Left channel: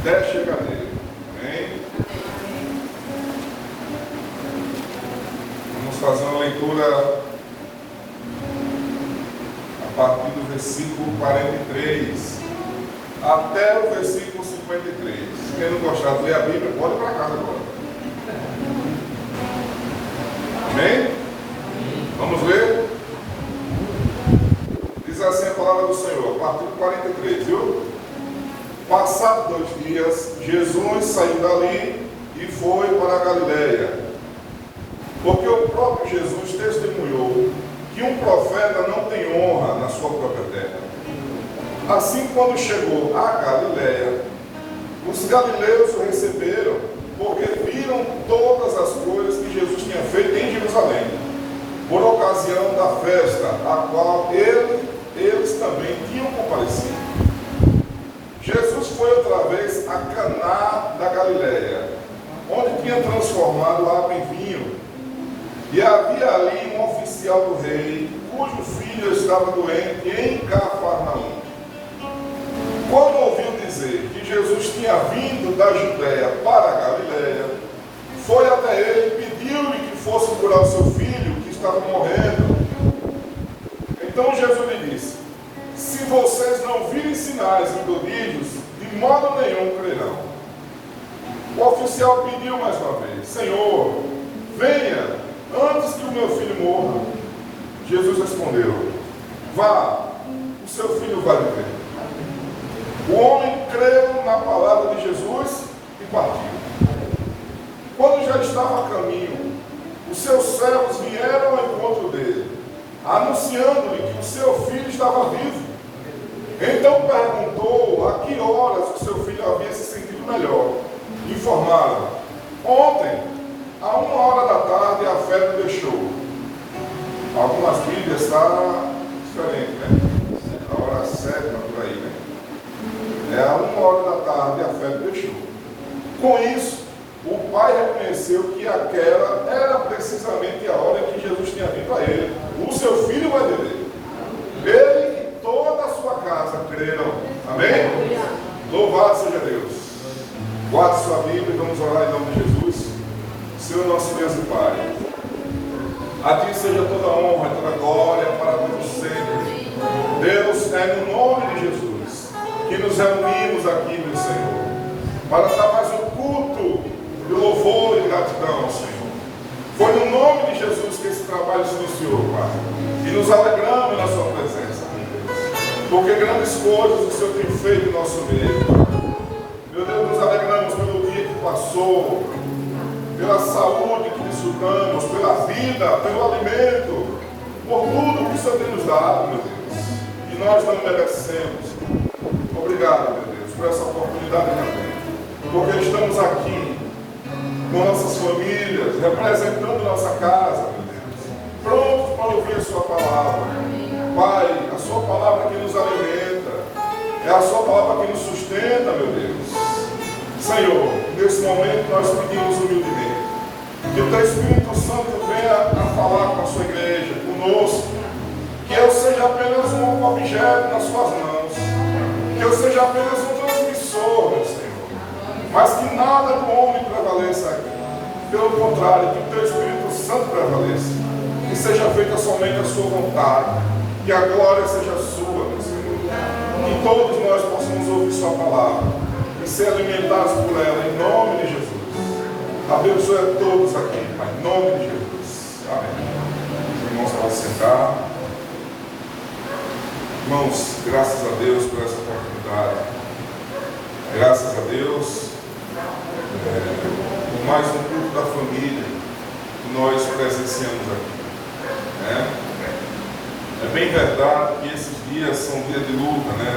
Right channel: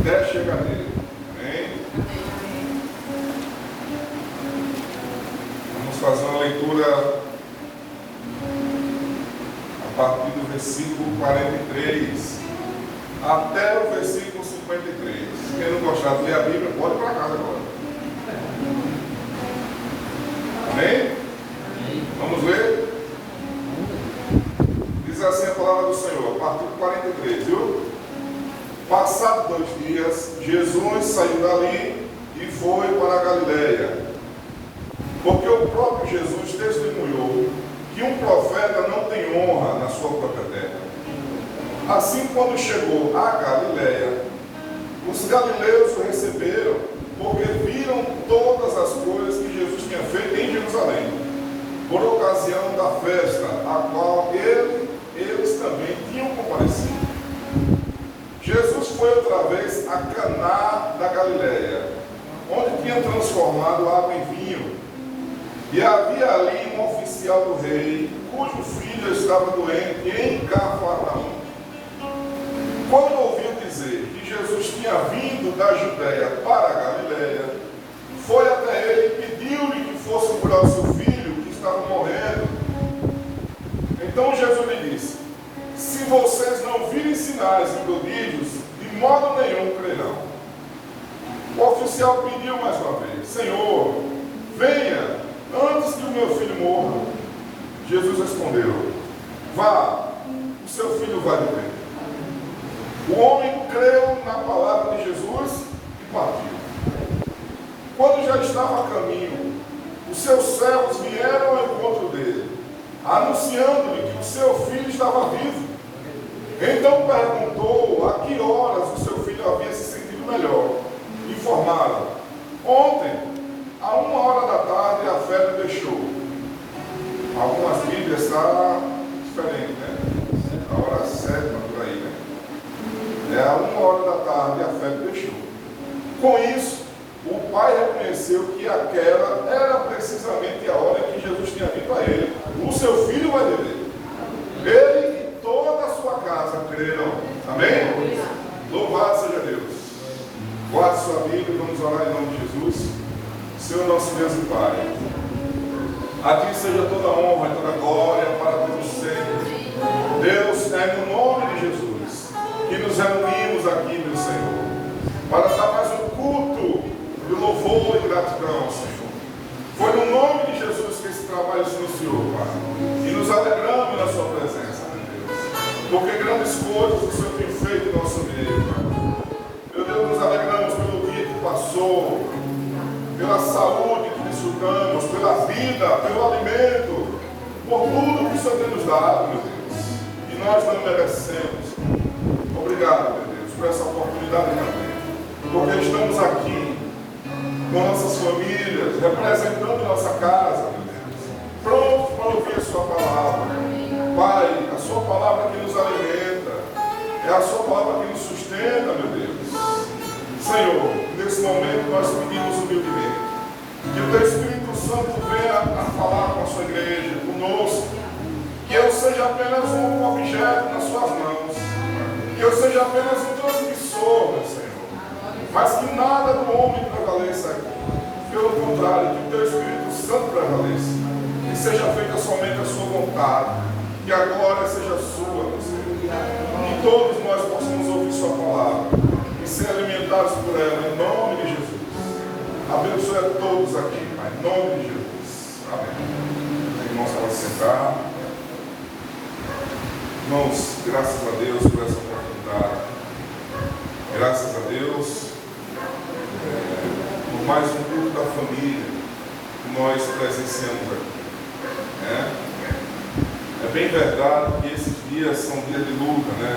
até chegar nele. Amém? Vamos fazer uma leitura a partir do versículo 43 até o versículo 53. Quem não gostar de ler a Bíblia, pode ir para casa agora. Amém? Vamos ver? Diz assim a palavra do Senhor, a partir do 43, viu? Passados 2 dias, Jesus saiu dali e foi para a Galileia, porque o próprio Jesus testemunhou que um profeta não tem honra na sua própria terra. Assim, quando chegou a Galileia, os galileus o receberam, porque viram todas as coisas que Jesus tinha feito em Jerusalém, por ocasião da festa, a qual eles também tinham comparecido. Jesus foi outra vez a Caná da Galileia, onde tinha transformado água em vinho. E havia ali um oficial do rei, cujo filho estava doente em Cafarnaum. Quando ouviu dizer que Jesus tinha vindo da Judéia para a Galileia, foi até ele e pediu-lhe que fosse curar o seu filho, que estava morrendo. Então Jesus lhe disse: se vocês não virem sinais e prodígios, de modo nenhum crerão. O oficial pediu mais uma vez: Senhor, venha antes que o meu filho morra. Jesus respondeu: vá, o seu filho vai viver. O homem creu na palavra de Jesus e partiu. Quando já estava a caminho, os seus servos vieram ao encontro dele, anunciando-lhe que o seu filho estava vivo. Então perguntou a que horas o seu filho havia se sentido melhor. Informaram: ontem, a 1h da tarde, a febre deixou. Algumas Bíblias está diferente, né? A hora 7, por aí, né? A 1h da tarde, a febre deixou. Com isso, o pai reconheceu que aquela era precisamente a hora em que Jesus tinha dito a ele: o seu filho vai viver. Ele e toda a sua casa creram. Amém? Louvado seja Deus. Guarde sua Bíblia e vamos orar em nome de Jesus. Senhor nosso Deus e Pai, a Ti seja toda a honra e toda a glória para todos sempre. Deus, é no nome de Jesus que nos reunimos aqui, meu Senhor, para dar mais um culto de louvor e gratidão, Senhor. Foi no nome de Jesus que esse trabalho se iniciou, Pai, e nos alegramos na Sua presença, meu Deus, porque grandes coisas o Senhor tem feito em nosso meio, Pai. Meu Deus, nos alegramos pelo dia que passou, pela saúde que desfrutamos, pela vida, pelo alimento, por tudo que o Senhor tem nos dado, meu Deus, e nós não merecemos. Obrigado, meu Deus, por essa oportunidade também, porque estamos aqui com nossas famílias, representando nossa casa, meu Deus, prontos para ouvir a Sua palavra. Pai, a Sua palavra que nos alimenta, é a Sua palavra que nos sustenta, meu Deus. Senhor, nesse momento nós pedimos humildemente que o Teu Espírito Santo venha a falar com a Sua igreja, conosco, que eu seja apenas um objeto nas Suas mãos, que eu seja apenas um transmissor, meu Senhor, mas que nada do homem prevaleça aqui. Pelo contrário, que o Teu Espírito Santo prevaleça, que seja feita somente a Sua vontade, que a glória seja Sua, meu Senhor, que todos nós possamos ouvir Sua palavra e ser alimentados por ela, em nome de Jesus. Abençoe a todos aqui, Pai, em nome de Jesus. Amém. Irmãos, para sentar. Irmãos, graças a Deus por essa oportunidade. Graças a Deus por mais um culto da família que nós presenciamos aqui. É bem verdade que esses dias são dias de luta, né?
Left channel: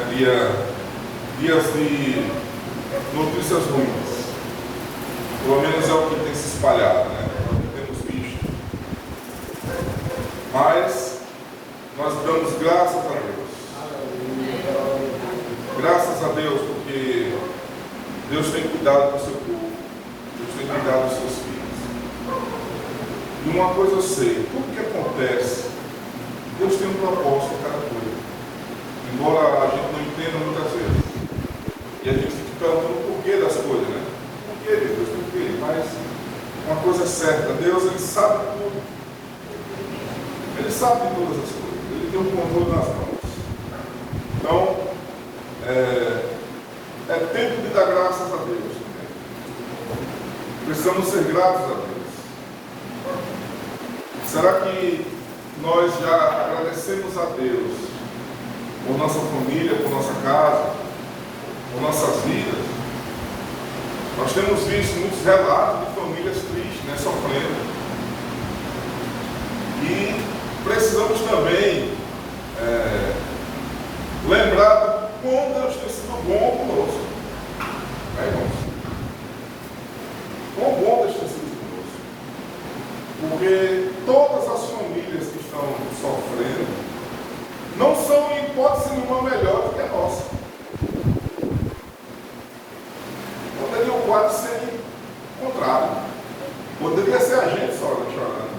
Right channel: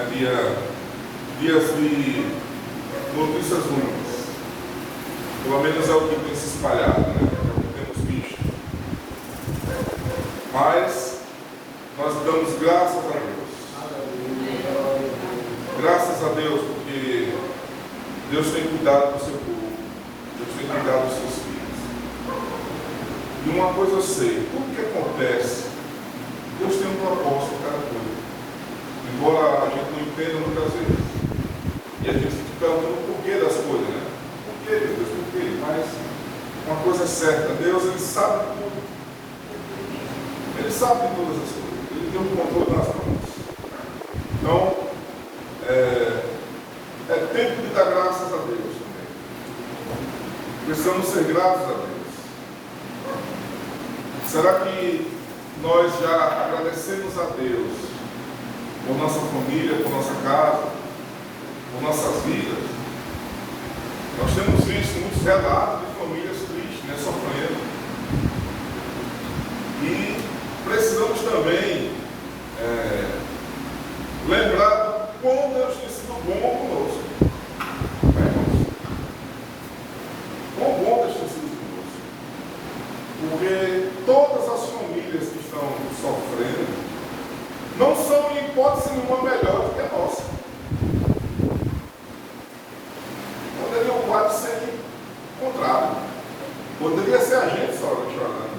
Dias de notícias ruins. Pelo menos é o que tem se espalhado, né? É o que temos visto. Mas nós damos graças a Deus. Graças a Deus, porque Deus tem cuidado do seu povo. Deus tem cuidado dos seus filhos. E uma coisa eu sei, tudo que acontece, Deus tem um propósito em cada coisa. Embora a gente não entenda muitas vezes. E a gente fica perguntando o porquê das coisas, né? Por que, Deus? Por quê? Mas uma coisa é certa, Deus, Ele sabe tudo. Ele sabe de todas as coisas. Ele tem o controle nas mãos. Então, é tempo de dar graças a Deus. Precisamos ser gratos a Deus. Será que nós já agradecemos a Deus por nossa família, por nossa casa, por nossas vidas? Nós temos visto muitos relatos de famílias tristes, né, sofrendo. E precisamos também lembrar do quão Deus tem sido bom conosco. Irmãos? Quão bom Deus tem sido conosco. Porque todas as famílias que estão sofrendo não são, em hipótese nenhuma, melhor do que a nossa. Poderia o quadro ser o contrário. Poderia ser a gente só chorando.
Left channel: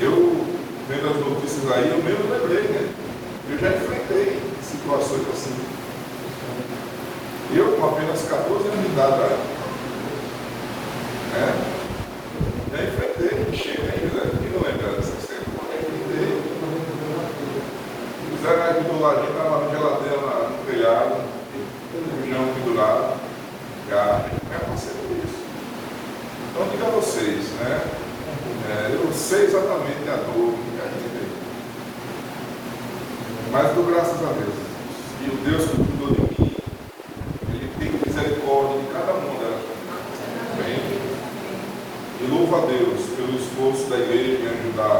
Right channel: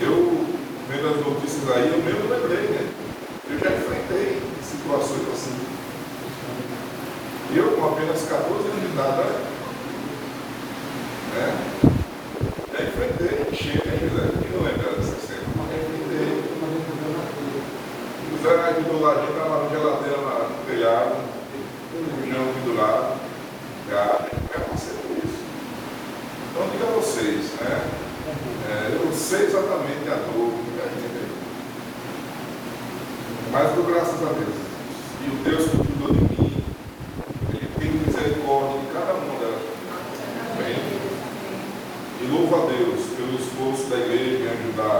Eu, vendo as notícias aí, eu mesmo lembrei, né? Eu já enfrentei situações assim. Eu, com apenas 14 anos de idade, já enfrentei, chega, né, José? Quem não lembra dessa cena? O Zé aqui do ladinho estava na geladeira no telhado, o chão pendurado. Já passei por isso. Então, diga a vocês, né? Eu sei exatamente a dor que a gente tem. Mas dou graças a Deus. E o Deus que cuidou de mim, Ele tem misericórdia de cada uma delas. Amém? E louvo a Deus pelo esforço da igreja em me ajudar.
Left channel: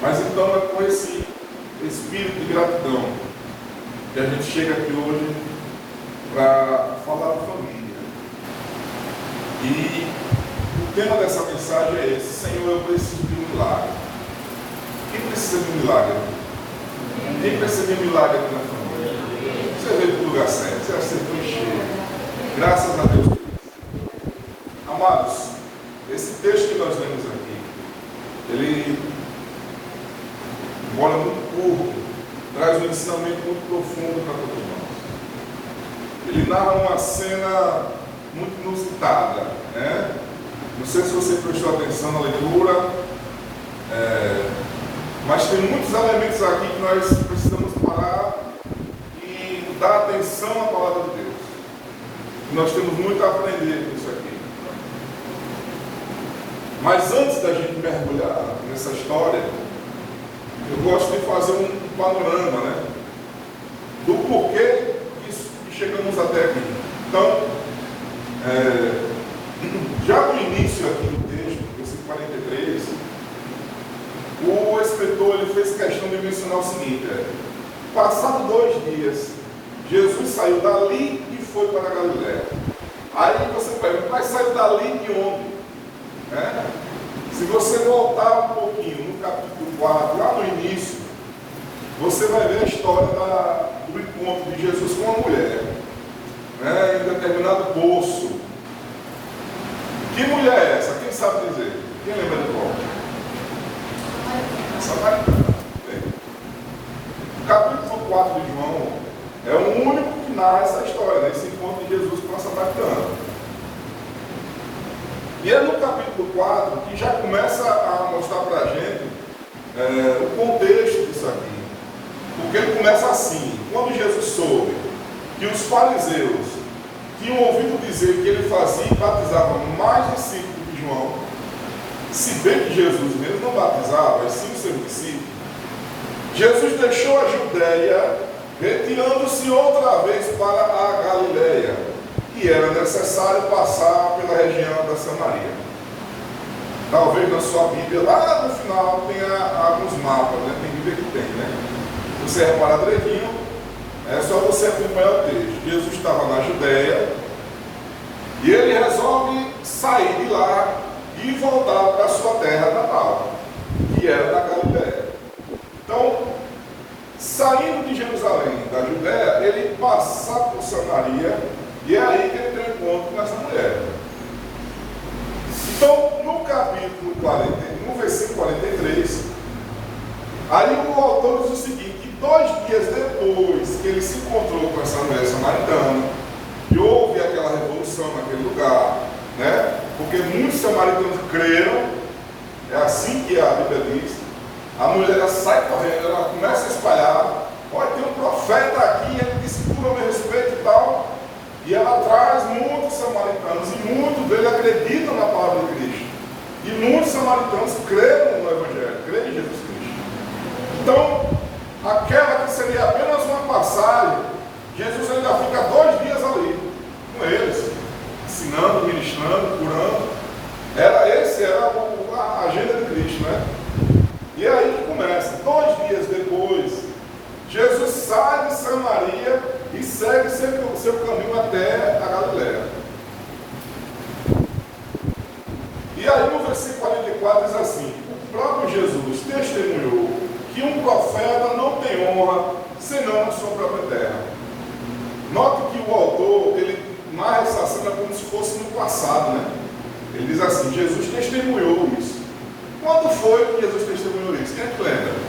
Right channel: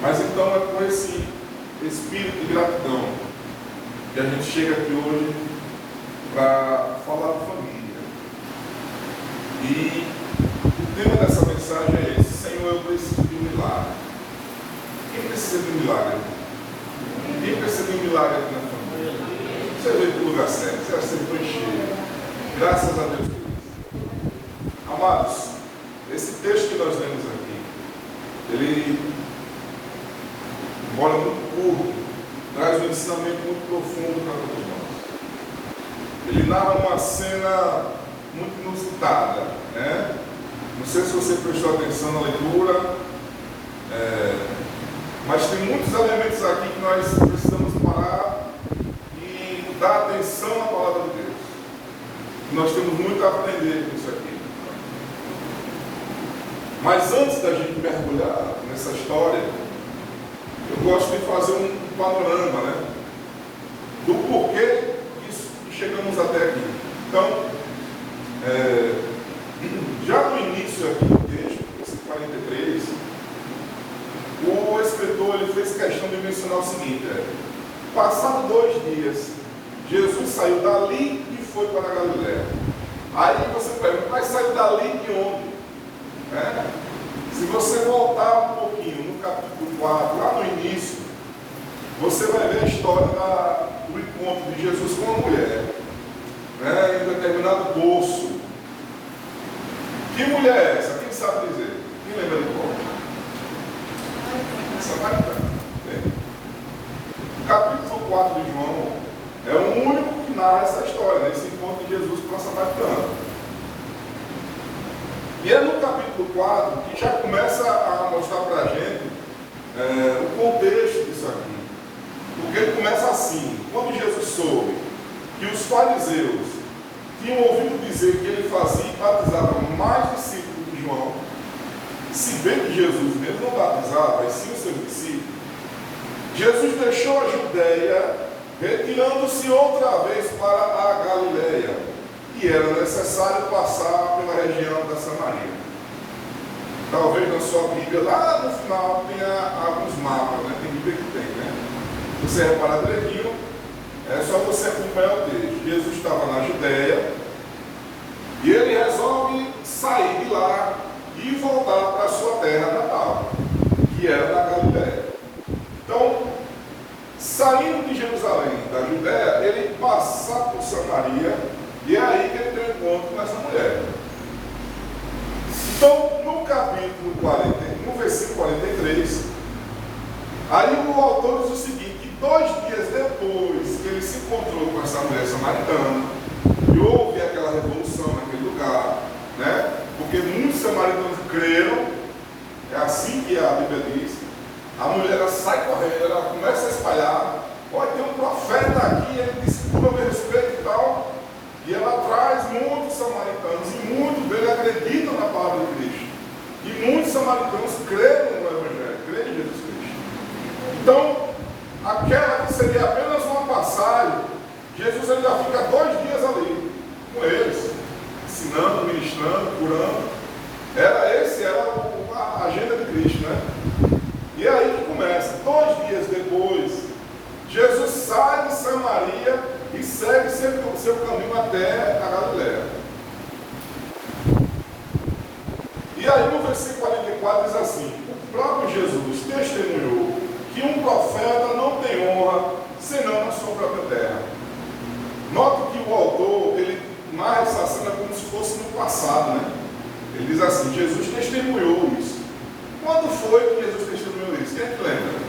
Mas então é com esse espírito de gratidão que a gente chega aqui hoje para falar de família. E o tema dessa mensagem é esse: Senhor, eu preciso de um milagre. Quem precisa de um milagre aqui? Quem precisa de um milagre aqui na família? Você veio para o lugar certo, você acertou em cheio. Graças a Deus por isso. Amados, esse texto que nós lemos aqui, ele, embora muito curto, traz um ensinamento muito profundo para todos nós. Ele narra uma cena muito inusitada, né? Não sei se você prestou atenção na leitura, mas tem muitos elementos aqui que nós precisamos parar e dar atenção à palavra de Deus. Nós temos muito a aprender com isso aqui. Mas antes da gente mergulhar nessa história, eu gosto de fazer um panorama, né? Do porquê chegamos até aqui. Então, já no início aqui do texto, esse 43, o escritor ele fez questão de mencionar o seguinte: passado 2 dias, Jesus saiu dali e foi para a Galiléia. Aí você pergunta, mas saiu dali de onde? Se você voltar um pouquinho no capítulo 4, lá no início, você vai ver a história do encontro de Jesus com uma mulher, em um determinado poço. Que mulher é essa? Quem sabe dizer? Quem lembra de qual? Samaritana. O capítulo 4 de João é o único que narra essa história, esse encontro de Jesus com a Samaritana. E é no capítulo 4 que já começa a mostrar para a gente o contexto disso aqui. Porque ele começa assim: quando Jesus soube que os fariseus tinham ouvido dizer que ele fazia e batizava mais discípulos de João, se bem que Jesus mesmo não batizava, mas sim os seus discípulos, Jesus deixou a Judéia, retirando-se outra vez para a Galiléia, e era necessário passar pela região da Samaria. Talvez na sua Bíblia, lá no final, tenha alguns mapas, né? Tem Bíblia que tem, né? Se você reparar direitinho, é só você acompanhar o texto. Jesus estava na Judéia e ele resolve sair de lá e voltar para a sua terra natal, que era na Galiléia. Então, saindo de Jerusalém, da Judéia, ele passa por Samaria e é aí que ele tem um encontro com essa mulher. Então, no capítulo 40, no versículo 43, aí o autor diz o seguinte: 2 dias depois que ele se encontrou com essa mulher samaritana, e houve aquela revolução naquele lugar, né? Porque muitos samaritanos creram, é assim que a Bíblia diz. A mulher ela sai correndo, ela começa a espalhar. Olha, tem um profeta aqui, ele disse tudo a meu respeito e tal. E ela traz muitos samaritanos, e muitos deles acreditam na palavra de Cristo. E muitos samaritanos creram no Evangelho, creem em Jesus Cristo. Então, aquela que seria apenas uma passagem, Jesus ainda fica 2 dias ali, com eles, ensinando, ministrando, curando. Era a agenda de Cristo, né? E é aí que começa. 2 dias depois, Jesus sai de Samaria e segue seu caminho até a Galileia. E aí no versículo 44 diz assim: o próprio Jesus testemunhou que um profeta não tem honra senão na sua própria terra. Note que o autor, ele narra essa cena como se fosse no passado, né? Ele diz assim: Jesus testemunhou isso. Quando foi que Jesus testemunhou isso? Quem é que lembra?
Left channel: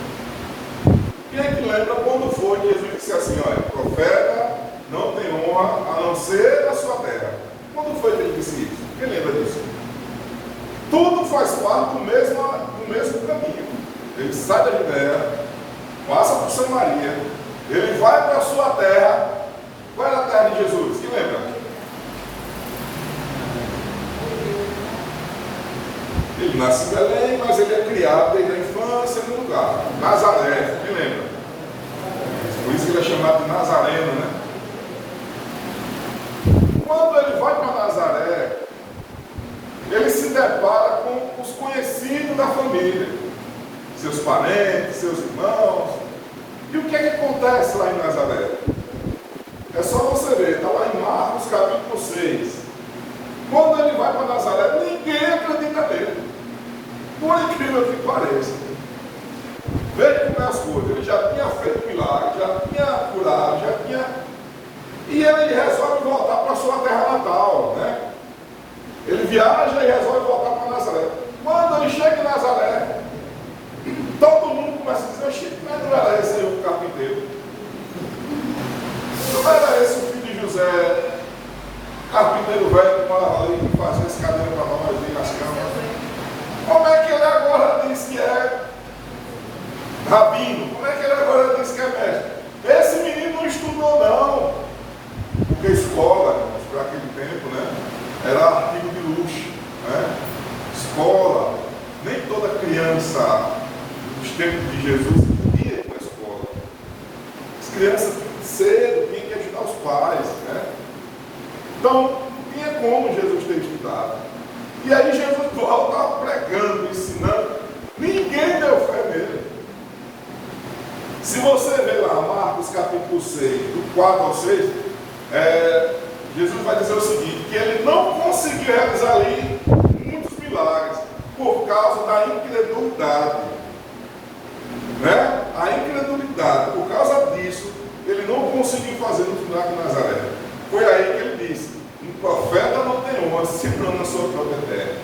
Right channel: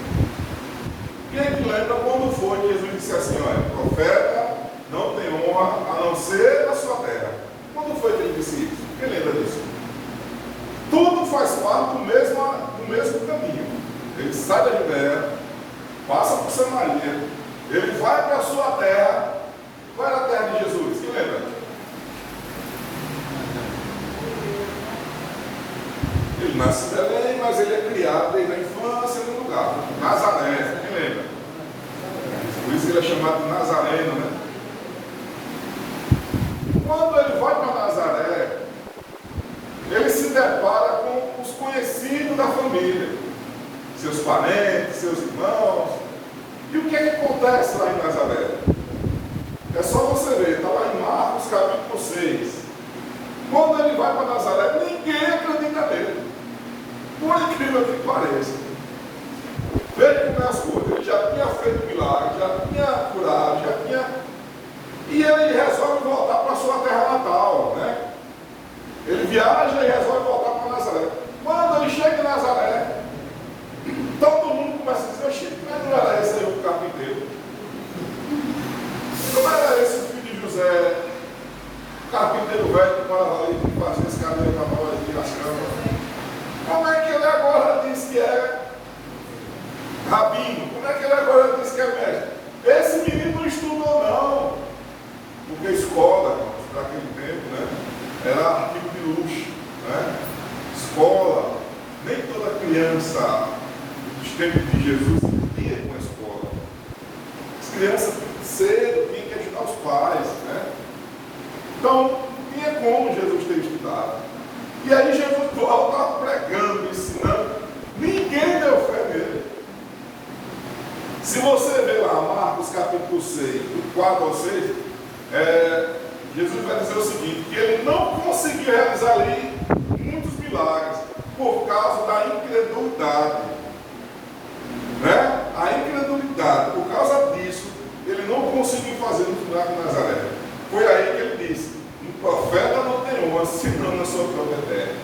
Quem é que lembra quando foi que Jesus disse assim: olha, profeta não tem honra a não ser na sua terra? Quando foi que ele disse isso? Quem lembra disso? Tudo faz parte do mesmo caminho. Ele sai da Judéia, passa por Samaria, ele vai para a sua terra. Qual era a terra de Jesus? Quem lembra? Ele nasce em Belém, mas ele é criado desde a infância no lugar, Nazaré. Quem lembra? Por isso que ele é chamado de Nazareno, né? Quando ele vai para Nazaré, ele se depara com os conhecidos da família, seus parentes, seus irmãos. E o que é que acontece lá em Nazaré? É só você ver, está lá em Marcos capítulo 6. Quando ele vai para Nazaré, ninguém acredita nele. Por incrível que pareça. Veja como é as coisas. Ele já tinha feito milagre, já tinha curado, já tinha. E ele resolve voltar para a sua terra natal, né? Ele viaja e resolve voltar para Nazaré. Quando ele chega em Nazaré, todo mundo começa a dizer: oxi, mas não era esse o carpinteiro? Não era esse o filho de José, carpinteiro velho que morava ali, que fazia escadeira para nós ali nas camas? Como é que ele agora diz que é rabino? Como é que ele agora diz que é mestre? Esse menino não estudou, não. Porque escola, para aquele tempo, né, era artigo de luxo, né? Escola, nem toda criança dos tempos de Jesus ia com a escola. As crianças cedo tinham que ajudar os pais, né? Então, não tinha como Jesus ter estudado. E aí Jesus estava pregando, ensinando, ninguém deu fé nele. Se você ver lá Marcos capítulo 6, do 4 ao 6, Jesus vai dizer o seguinte: que ele não conseguiu realizar ali muitos milagres por causa da incredulidade, né? A incredulidade, por causa disso, ele não conseguiu fazer os milagres de Nazaré. Foi aí que ele disse: um profeta não tem honra senão na sua própria terra.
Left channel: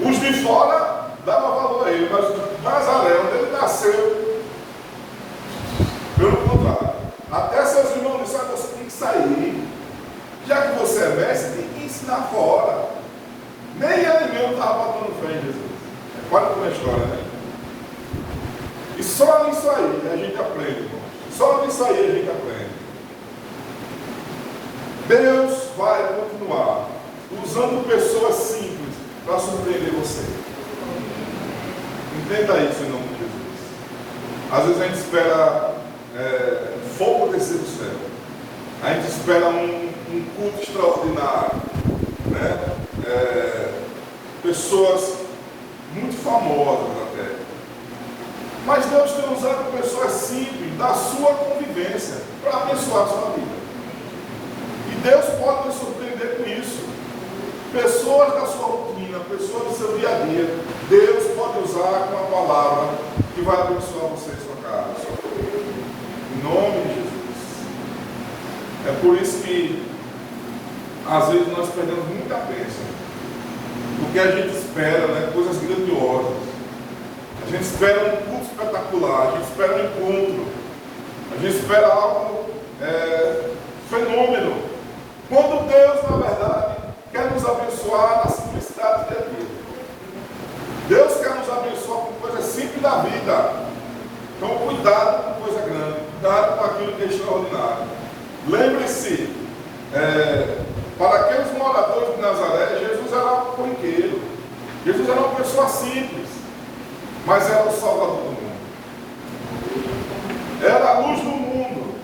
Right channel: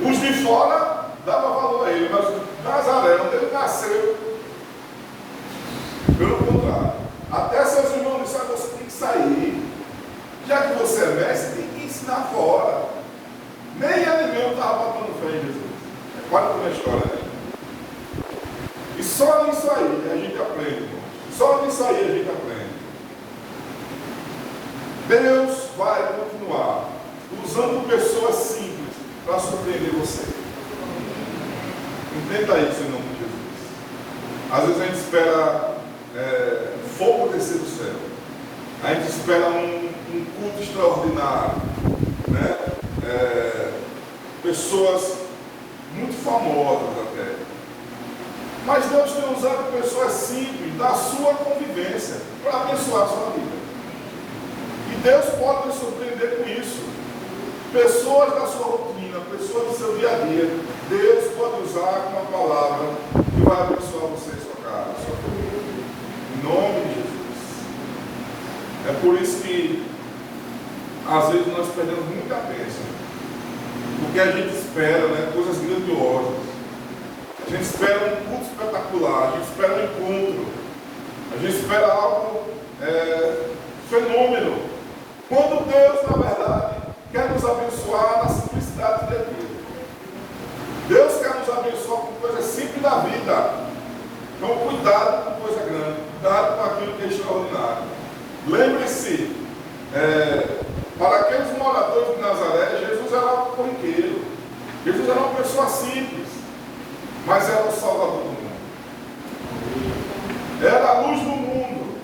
Os de fora davam valor a ele, mas Nazaré, onde ele nasceu, pelo contrário. Até seus irmãos disseram: você tem que sair. Já que você é mestre, tem que ensinar fora. Nem ele mesmo estava batendo fé em Jesus. É quase uma história, né? E só nisso aí a gente aprende, irmão. Só nisso aí a gente aprende. Deus vai continuar usando pessoas simples para surpreender você. Entenda isso em nome de Jesus. Às vezes a gente espera fogo descer do céu. A gente espera um culto extraordinário, né? Pessoas muito famosas até. Mas Deus tem usado pessoas simples da sua convivência para abençoar a sua vida. E Deus pode nos surpreender com isso. Pessoas da sua rotina, pessoas do seu dia a dia, Deus pode usar uma palavra que vai abençoar você e sua casa, sua família. Em nome de Jesus. É por isso que às vezes nós perdemos muita bênção. Porque a gente espera, né, coisas grandiosas. A gente espera um culto espetacular, a gente espera um encontro. A gente espera algo fenômeno. Quando Deus, na verdade, quer nos abençoar na simplicidade de Deus. Deus quer nos abençoar com coisas simples da vida. Então, cuidado com coisa grande, cuidado com aquilo que é extraordinário. Lembre-se, para aqueles moradores de Nazaré, Jesus era um corriqueiro. Jesus era uma pessoa simples, mas era o Salvador do mundo. Era a luz do mundo.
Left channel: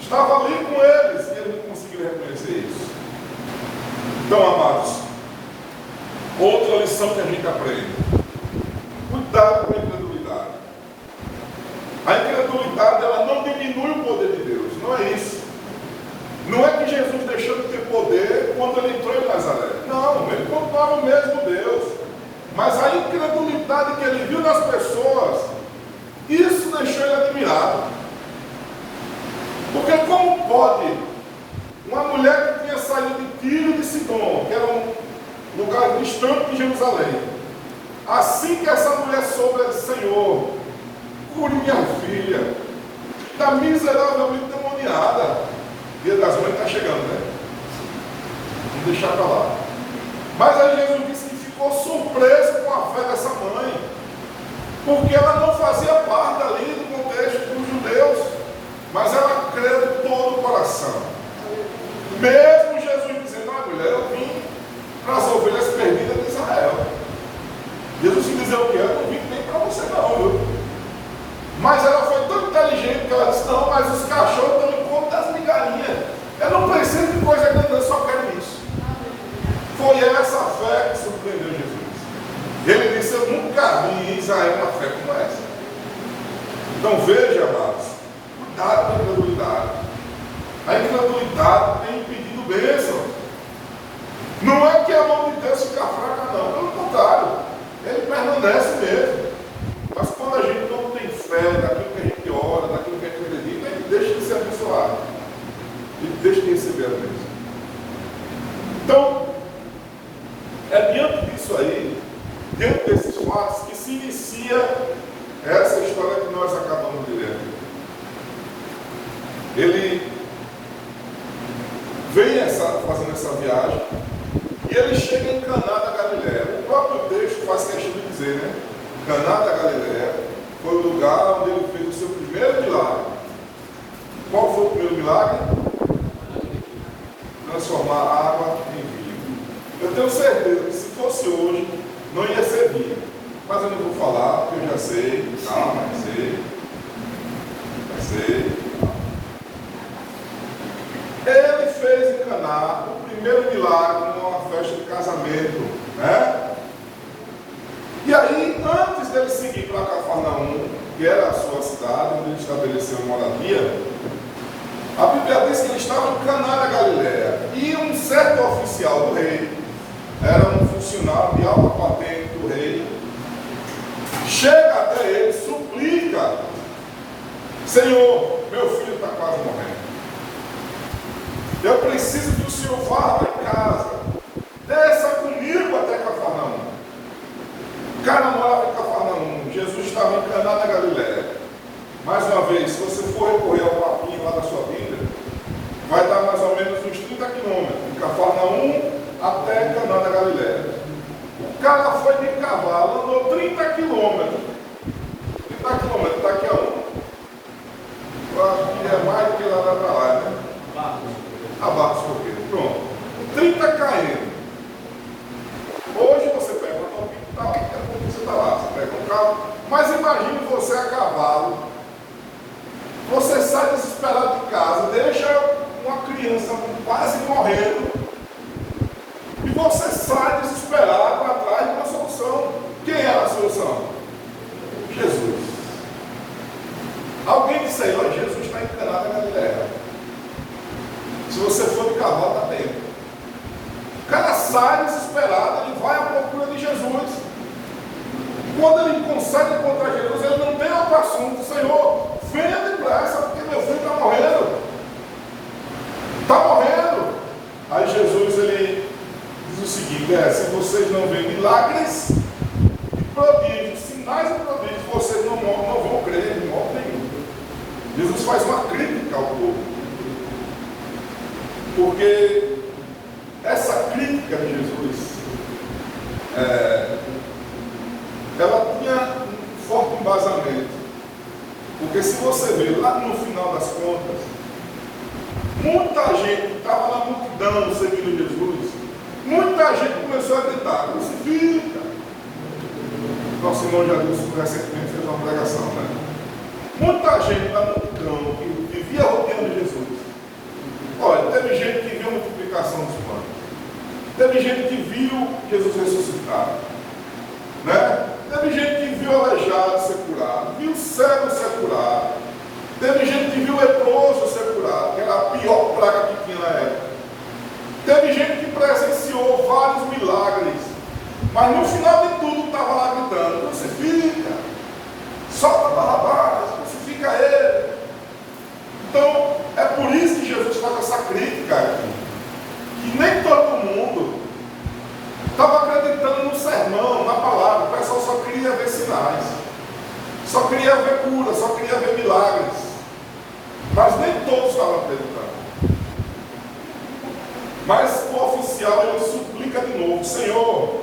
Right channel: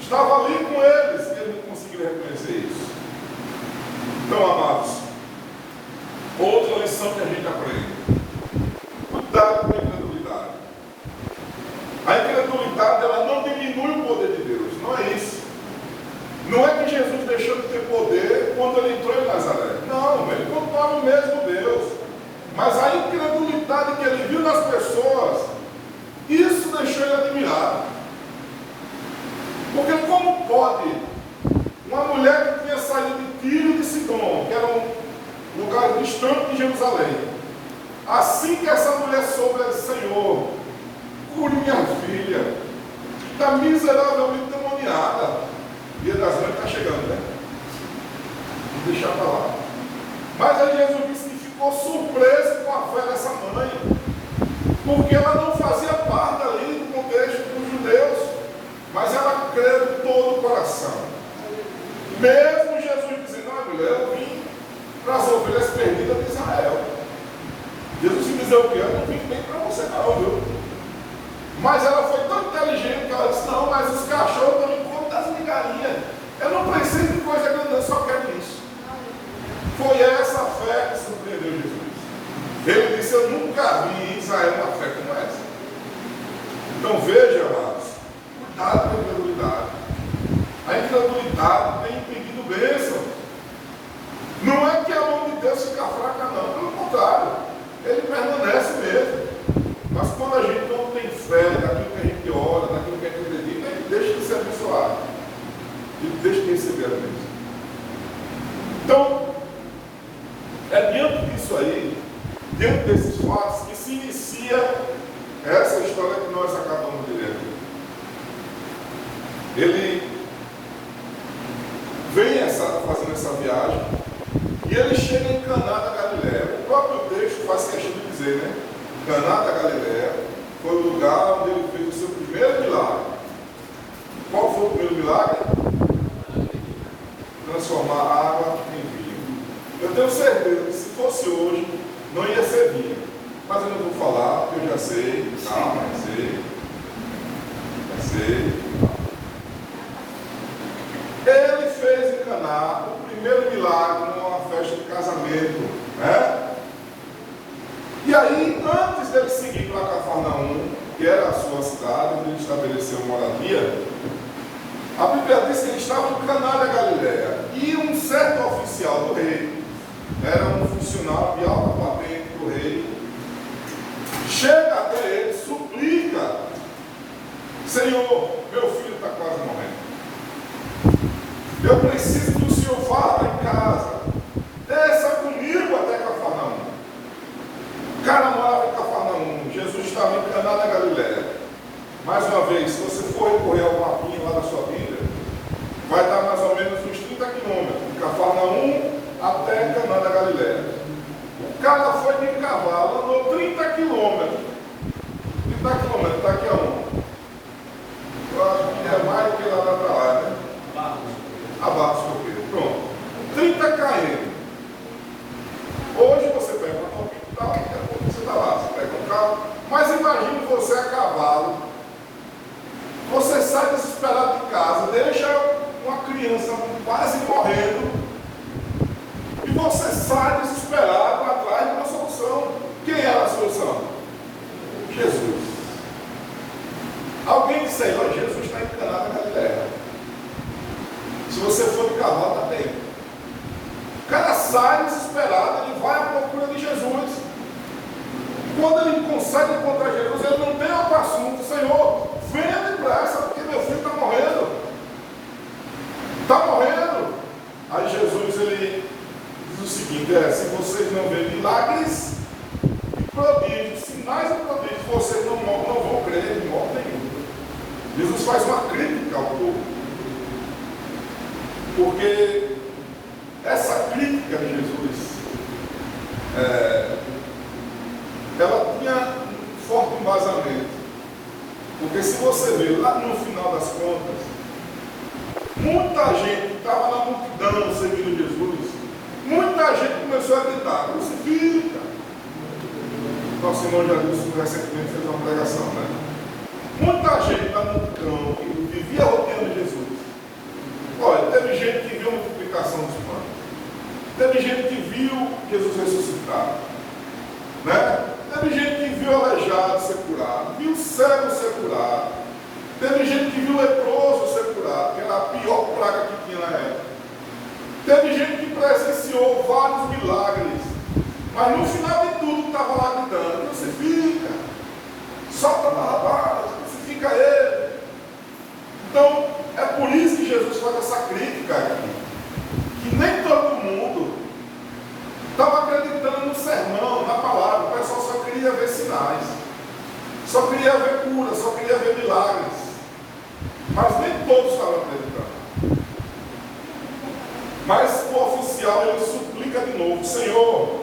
Estava ali com eles e eles não conseguiram reconhecer isso. Então, amados, outra lição que a gente aprende: cuidado com a incredulidade. A incredulidade, ela não diminui o poder de Deus, não é isso. Não é que Jesus deixou de ter poder quando ele entrou em Nazaré. Não, ele continuava o mesmo Deus. Mas a incredulidade que ele viu nas pessoas, isso deixou ele admirado. Porque como pode uma mulher que tinha saído de Tiro e de Sidom, que era um lugar distante de Jerusalém, assim que essa mulher soube, ela disse: Senhor, cure minha filha, está miseravelmente demoniada. Dia das Mães está chegando, né? Vamos deixar para lá. Mas aí Jesus disse que ficou surpreso com a fé dessa mãe, porque ela não fazia parte ali do contexto dos judeus, mas ela creu de todo o coração. Mesmo Jesus dizendo: olha, mulher, eu vim para as ovelhas perdidas de Israel. Jesus se dizer o quê? Eu não vim nem para você não, viu? Mas ela foi tão inteligente que ela disse: não, mas os cachorros estão em conta das migalhinhas. Eu não preciso de coisa grande, eu só quero isso. Foi essa fé que surpreendeu Jesus. Ele disse: eu nunca vi em Israel uma fé como essa. Então veja, amados, cuidado com a incredulidade. A incredulidade tem impedido bênção. Não é que a mão de Deus fica fraca, não. Pelo contrário, ele permanece mesmo. Mas quando a gente não tem fé daquilo que a gente ora, daquilo que a gente acredita, a gente deixa de ser abençoado. Ele deixa de receber a bênção. Então, é diante disso aí, diante desses fatos, que se inicia essa história que nós acabamos de ler. Ele vem fazendo essa viagem e ele chega em Caná da Galileia. O próprio texto faz questão de dizer, né? Caná da Galileia foi o lugar onde ele fez o seu primeiro milagre. Qual foi o primeiro milagre? Transformar água em vinho. Eu tenho certeza que se fosse hoje, não ia ser vinho. Mas eu não vou falar, porque eu já sei. Calma, já sei. Ele fez em Caná o primeiro milagre numa festa de casamento, né? E aí, antes dele seguir para Cafarnaum, que era a sua cidade, onde ele estabeleceu moradia, a Bíblia diz que ele estava em Caná da Galileia. E um certo oficial do rei, era um funcionário de alta patente do rei, chega até ele, suplica: Senhor, meu filho está quase morrendo. Eu preciso que o Senhor vá lá em casa, desça comigo até Cafarnaum. O cara morava em Cafarnaum, Jesus estava em Caná da Galileia. Mais uma vez, se você for recorrer ao mapinha lá da sua Bíblia, vai dar mais ou menos uns 30 quilômetros, de Cafarnaum até Caná da Galileia. O cara foi de cavalo, andou 30 quilômetros. 30 quilômetros, daqui a um. Eu acho que é mais do que lá para lá, né? Abaixo, pronto. 30 km. Hoje você pega um hospital, você está lá, você pega um carro. Mas imagine você a cavalo. Você sai desesperado de casa, deixa uma criança quase morrendo. E você sai desesperado atrás de uma solução. Quem era a solução? Jesus. Alguém disse aí: olha, Jesus está em Caná da Galileia. Se você for de cavalo, está tempo. O cara sai desesperado, ele vai à procura de Jesus. Quando ele consegue encontrar Jesus, ele não tem outro assunto: Senhor, venha depressa, porque meu filho está morrendo. Está morrendo. Aí Jesus, ele diz o seguinte: se vocês não veem milagres e prodígios, sinais e prodígios, vocês não vão crer em modo nenhum. Jesus faz uma crítica Porque essa crítica de Jesus, ela tinha um forte embasamento. Porque se você ver lá no final das contas, muita gente que estava na multidão seguindo Jesus, muita gente começou a gritar: crucifica! Nosso irmão já disse recentemente, fez uma pregação, né? Muita gente na multidão que vivia a rotina de Jesus. Olha, teve gente que viu a multiplicação dos pães, teve gente que viu Jesus ressuscitado, né? Teve gente que viu o aleijado ser curado, viu o cego ser curado, teve gente que viu o leproso ser curado, que era a pior praga que tinha na época. Teve gente que presenciou vários milagres, mas no final de tudo estava lá gritando: crucifica, solta Barrabás, crucifica ele. Então, é por isso que Jesus faz essa crítica aqui, que nem todo mundo estava acreditando no sermão, na palavra. O pessoal só queria ver sinais, só queria ver cura, só queria ver milagres, mas nem todos estavam acreditando. Mas o oficial, ele suplica de novo: Senhor,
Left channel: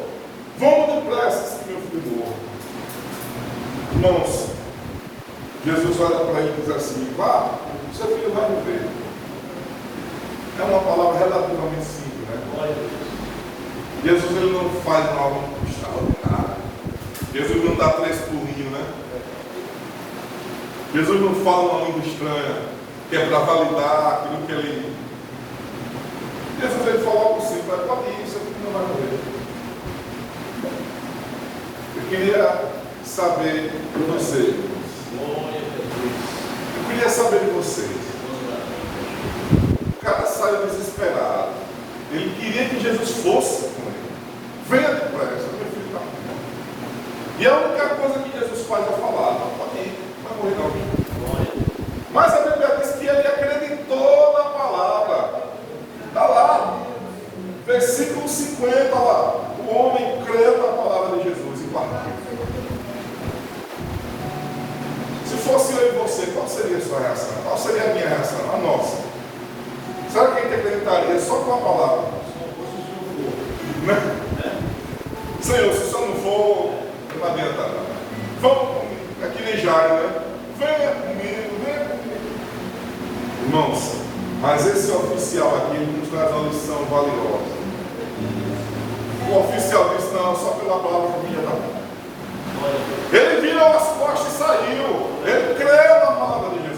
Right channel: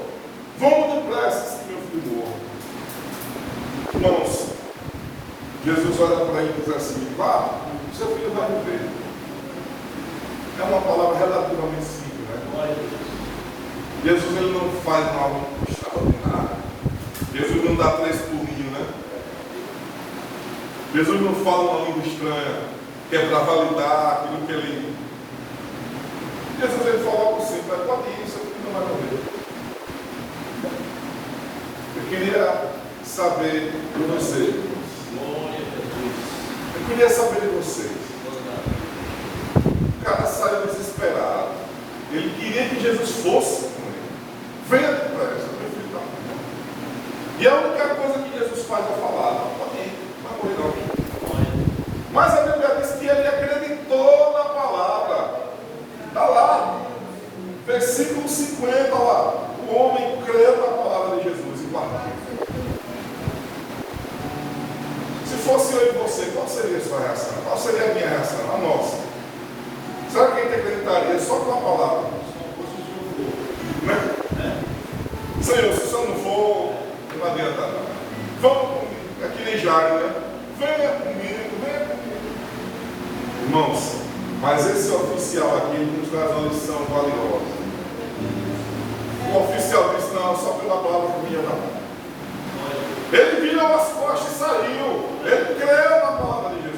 vamos depressa que meu filho morre. Irmãos, Jesus olha para ele e diz assim: vá, seu filho vai morrer. É uma palavra relativamente simples, né? Jesus, ele não faz algo extraordinário. Jesus não dá 3 pulinhos, né? Jesus não fala uma língua estranha, que é para validar aquilo que ele... Jesus, ele fala algo simples: pode ir, seu filho não vai morrer. Eu queria saber de vocês. Eu queria saber de vocês. O cara saiu desesperado. Ele queria que Jesus fosse com ele. Venha depressa, meu filho está morrendo. E a única coisa que Jesus faz é falar: não, pode ir, não vai morrer não. Mas a Bíblia diz que ele acreditou na palavra. Está lá, versículo 50 lá. O homem creu na palavra de Jesus e partiu. Se fosse eu e você, qual seria a sua reação? Qual seria a minha reação? A nossa. Será que a gente acreditaria só com a palavra? Né? Senhor, se o senhor não for, não adianta nada. Vamos, é que nem Jairo, né? Venha comigo, venha comigo. Irmãos, mas esse oficial aqui nos traz uma lição valiosa. O oficial disse: não, só pela palavra que já está bom. Ele virou as costas e saiu. Ele creu na palavra de Jesus.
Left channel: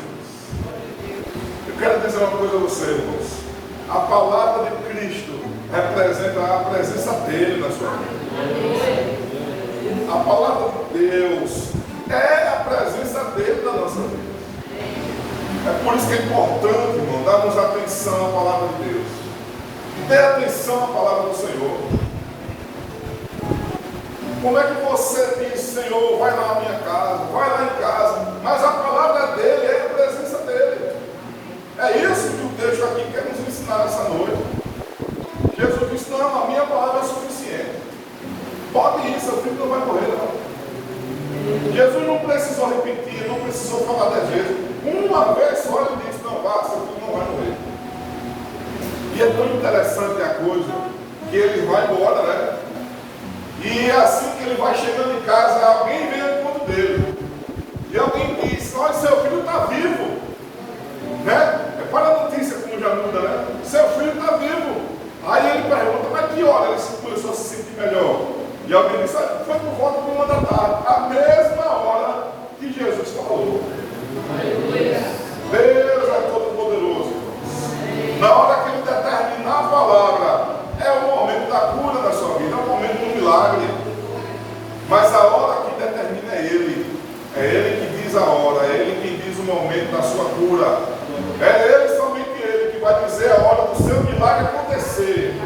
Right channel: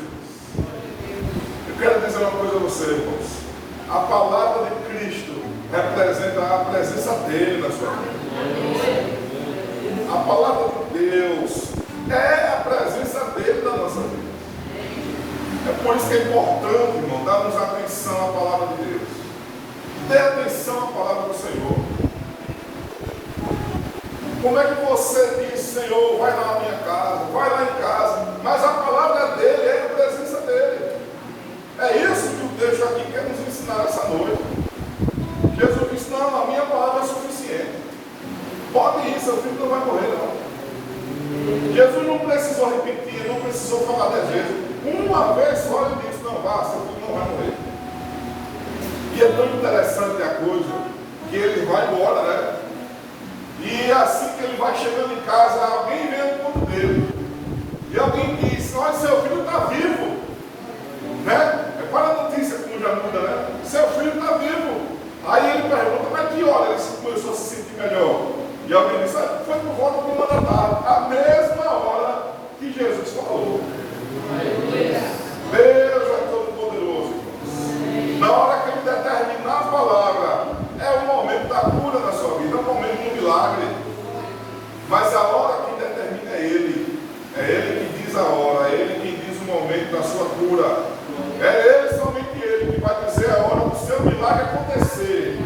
Eu quero dizer uma coisa a você, irmãos. A palavra de Cristo representa a presença dele na sua vida. A palavra de Deus é a presença dele na nossa vida. É por isso que é importante, irmão, darmos atenção à palavra de Deus. Dê atenção à palavra do Senhor. Como é que você diz: Senhor, vai lá na minha casa, vai lá em casa, mas a palavra dele é a presença dele. É isso que o texto aqui quer nos ensinar essa noite. Jesus disse: não, a minha palavra é suficiente. Pode ir, seu filho não vai morrer não. Jesus não precisou repetir, não precisou falar 10 vezes. Uma vez só ele disse: não, vá, seu filho não vai morrer. E é tão interessante a coisa que ele vai embora, né? E assim que ele vai chegando em casa, alguém vem ao encontro dele. E alguém diz: olha, seu filho está vivo. Né? É para a notícia como já muda, né? Seu filho está vivo. Aí ele pergunta: mas que hora ele começou a se sentir melhor? E alguém diz: foi por volta de 1 da tarde. A mesma hora que Jesus falou. Deus é todo poderoso. Na hora que ele determinar a palavra, é o momento da cura da sua vida, é o momento do milagre. Mas a hora que determina é ele. É ele que diz a hora, é ele quem diz o momento da sua cura. É ele, somente ele, que vai dizer a hora do seu milagre acontecer.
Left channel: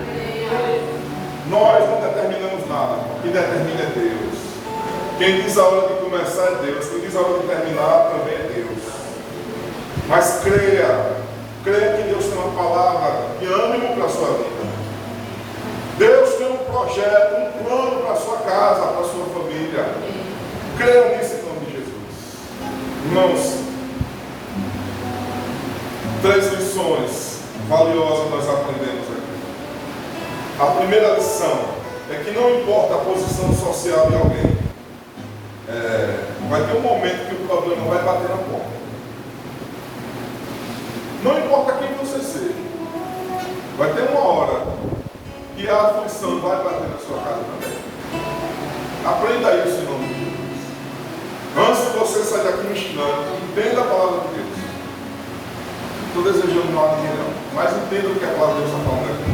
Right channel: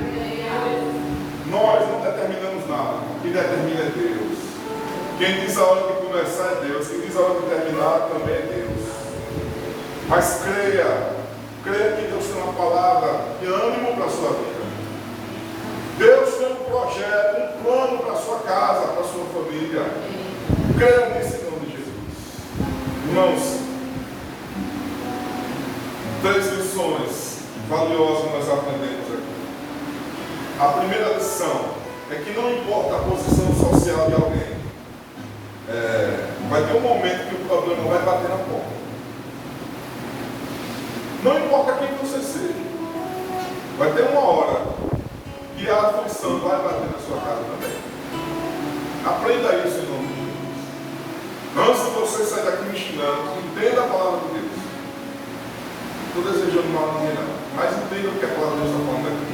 Nós não determinamos nada. O que determina é Deus. Quem diz a hora de começar é Deus. Quem diz a hora de terminar também é Deus. Mas creia que Deus tem uma palavra de ânimo para a sua vida. Deus tem um projeto, um plano para a sua casa, para a sua família. Creia nisso em nome de Jesus. Irmãos, 3 lições valiosa nós aprendemos aqui. A primeira lição é que não importa a posição social de alguém, vai ter um momento que o problema vai bater na porta. Não importa quem você seja, vai ter uma hora que a aflição vai bater na sua casa também. Aprenda isso em nome de Jesus. Antes de você sair daqui me ensinando, entenda a palavra de Deus. Não estou desejando mal a ninguém não, mas entenda o que a palavra de Deus está falando aqui.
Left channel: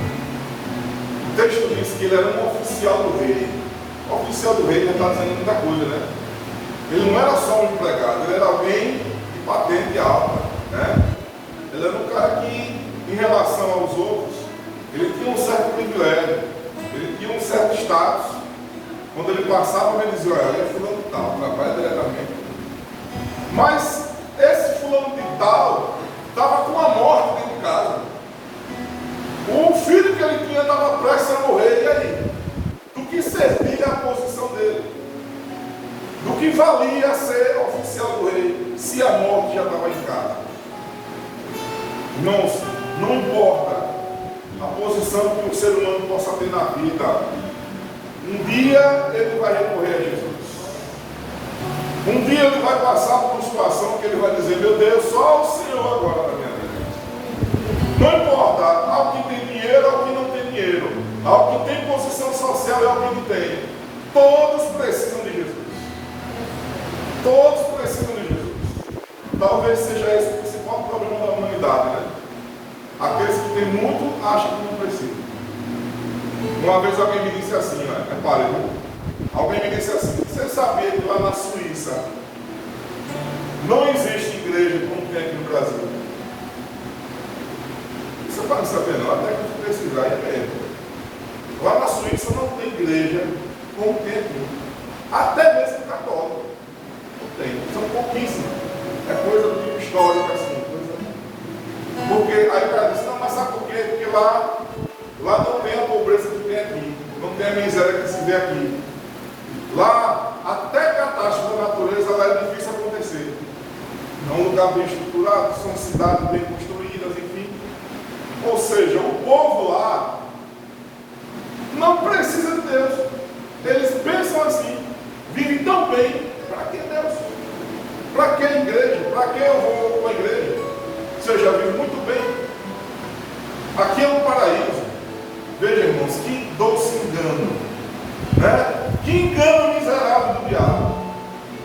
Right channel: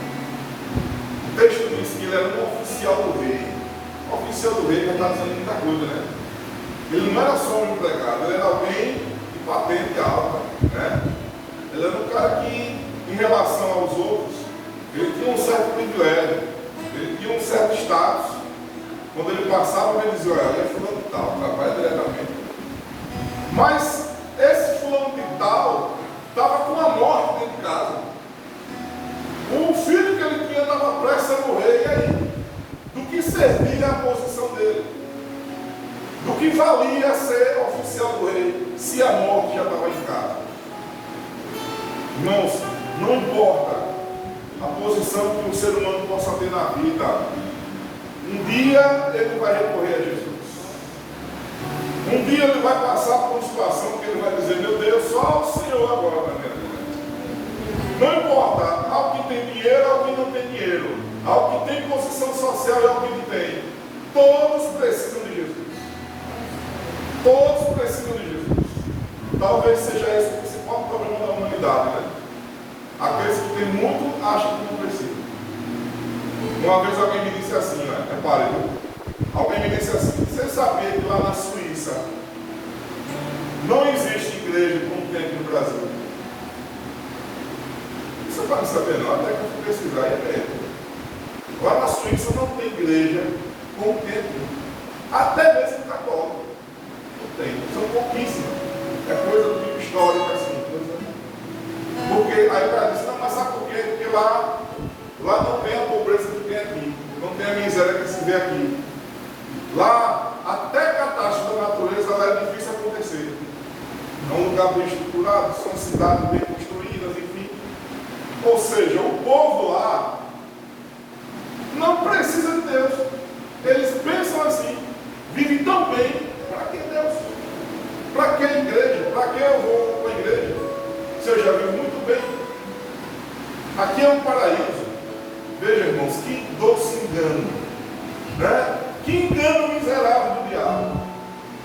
O texto diz que ele era um oficial do rei. O oficial do rei já está dizendo muita coisa, né? Ele não era só um empregado, ele era alguém de patente alta, né? Ele era um cara que, em relação aos outros, ele tinha um certo privilégio, ele tinha um certo status. Quando ele passava, ele dizia: olha, ele é fulano de tal, trabalha diretamente. Mas esse fulano de tal estava com a morte dentro de casa. O filho que ele tinha estava prestes a morrer. E aí? Do que servia a posição dele? Do que valia ser oficial do rei se a morte já estava em casa? Irmãos, não importa a posição que o ser humano possa ter na vida, um dia ele vai recorrer a Jesus. Um dia ele vai passar por uma situação que ele vai dizer: meu Deus, só o Senhor agora na minha vida. Não importa ao que tem dinheiro, ao que não tem dinheiro, ao que tem posição social e ao que não tem, todos precisam de Jesus. Todos precisam de Jesus. Talvez seja esse o principal problema da humanidade, né? Aqueles que têm muito acham que não precisam. Uma vez alguém me disse assim, né? Repare, viu? Alguém me disse assim: você sabia que lá na Suíça não existe igreja como tem aqui no Brasil? Você está sabendo? Até que eu fui pesquisar e ver. Lá na Suíça não tem igreja como tem aqui. Até mesmo católico. Não tem. São pouquíssimos. É coisa do tipo histórico assim. Porque aí o cara diz: não, mas sabe por quê? Porque lá não tem a pobreza que tem aqui. Não tem a miséria que se vê aqui. Lá, até catástrofe da natureza, lá é difícil acontecer. É um lugar bem estruturado, são cidades bem construídas, enfim. Ou seja, o povo lá não precisa de Deus. Eles pensam assim: vivem tão bem, para que Deus? Para que a igreja? Para que eu vou para a igreja? Se eu já vivo muito bem. Aqui é um paraíso. Veja, irmãos, que doce engano, né? Que engano miserável do diabo.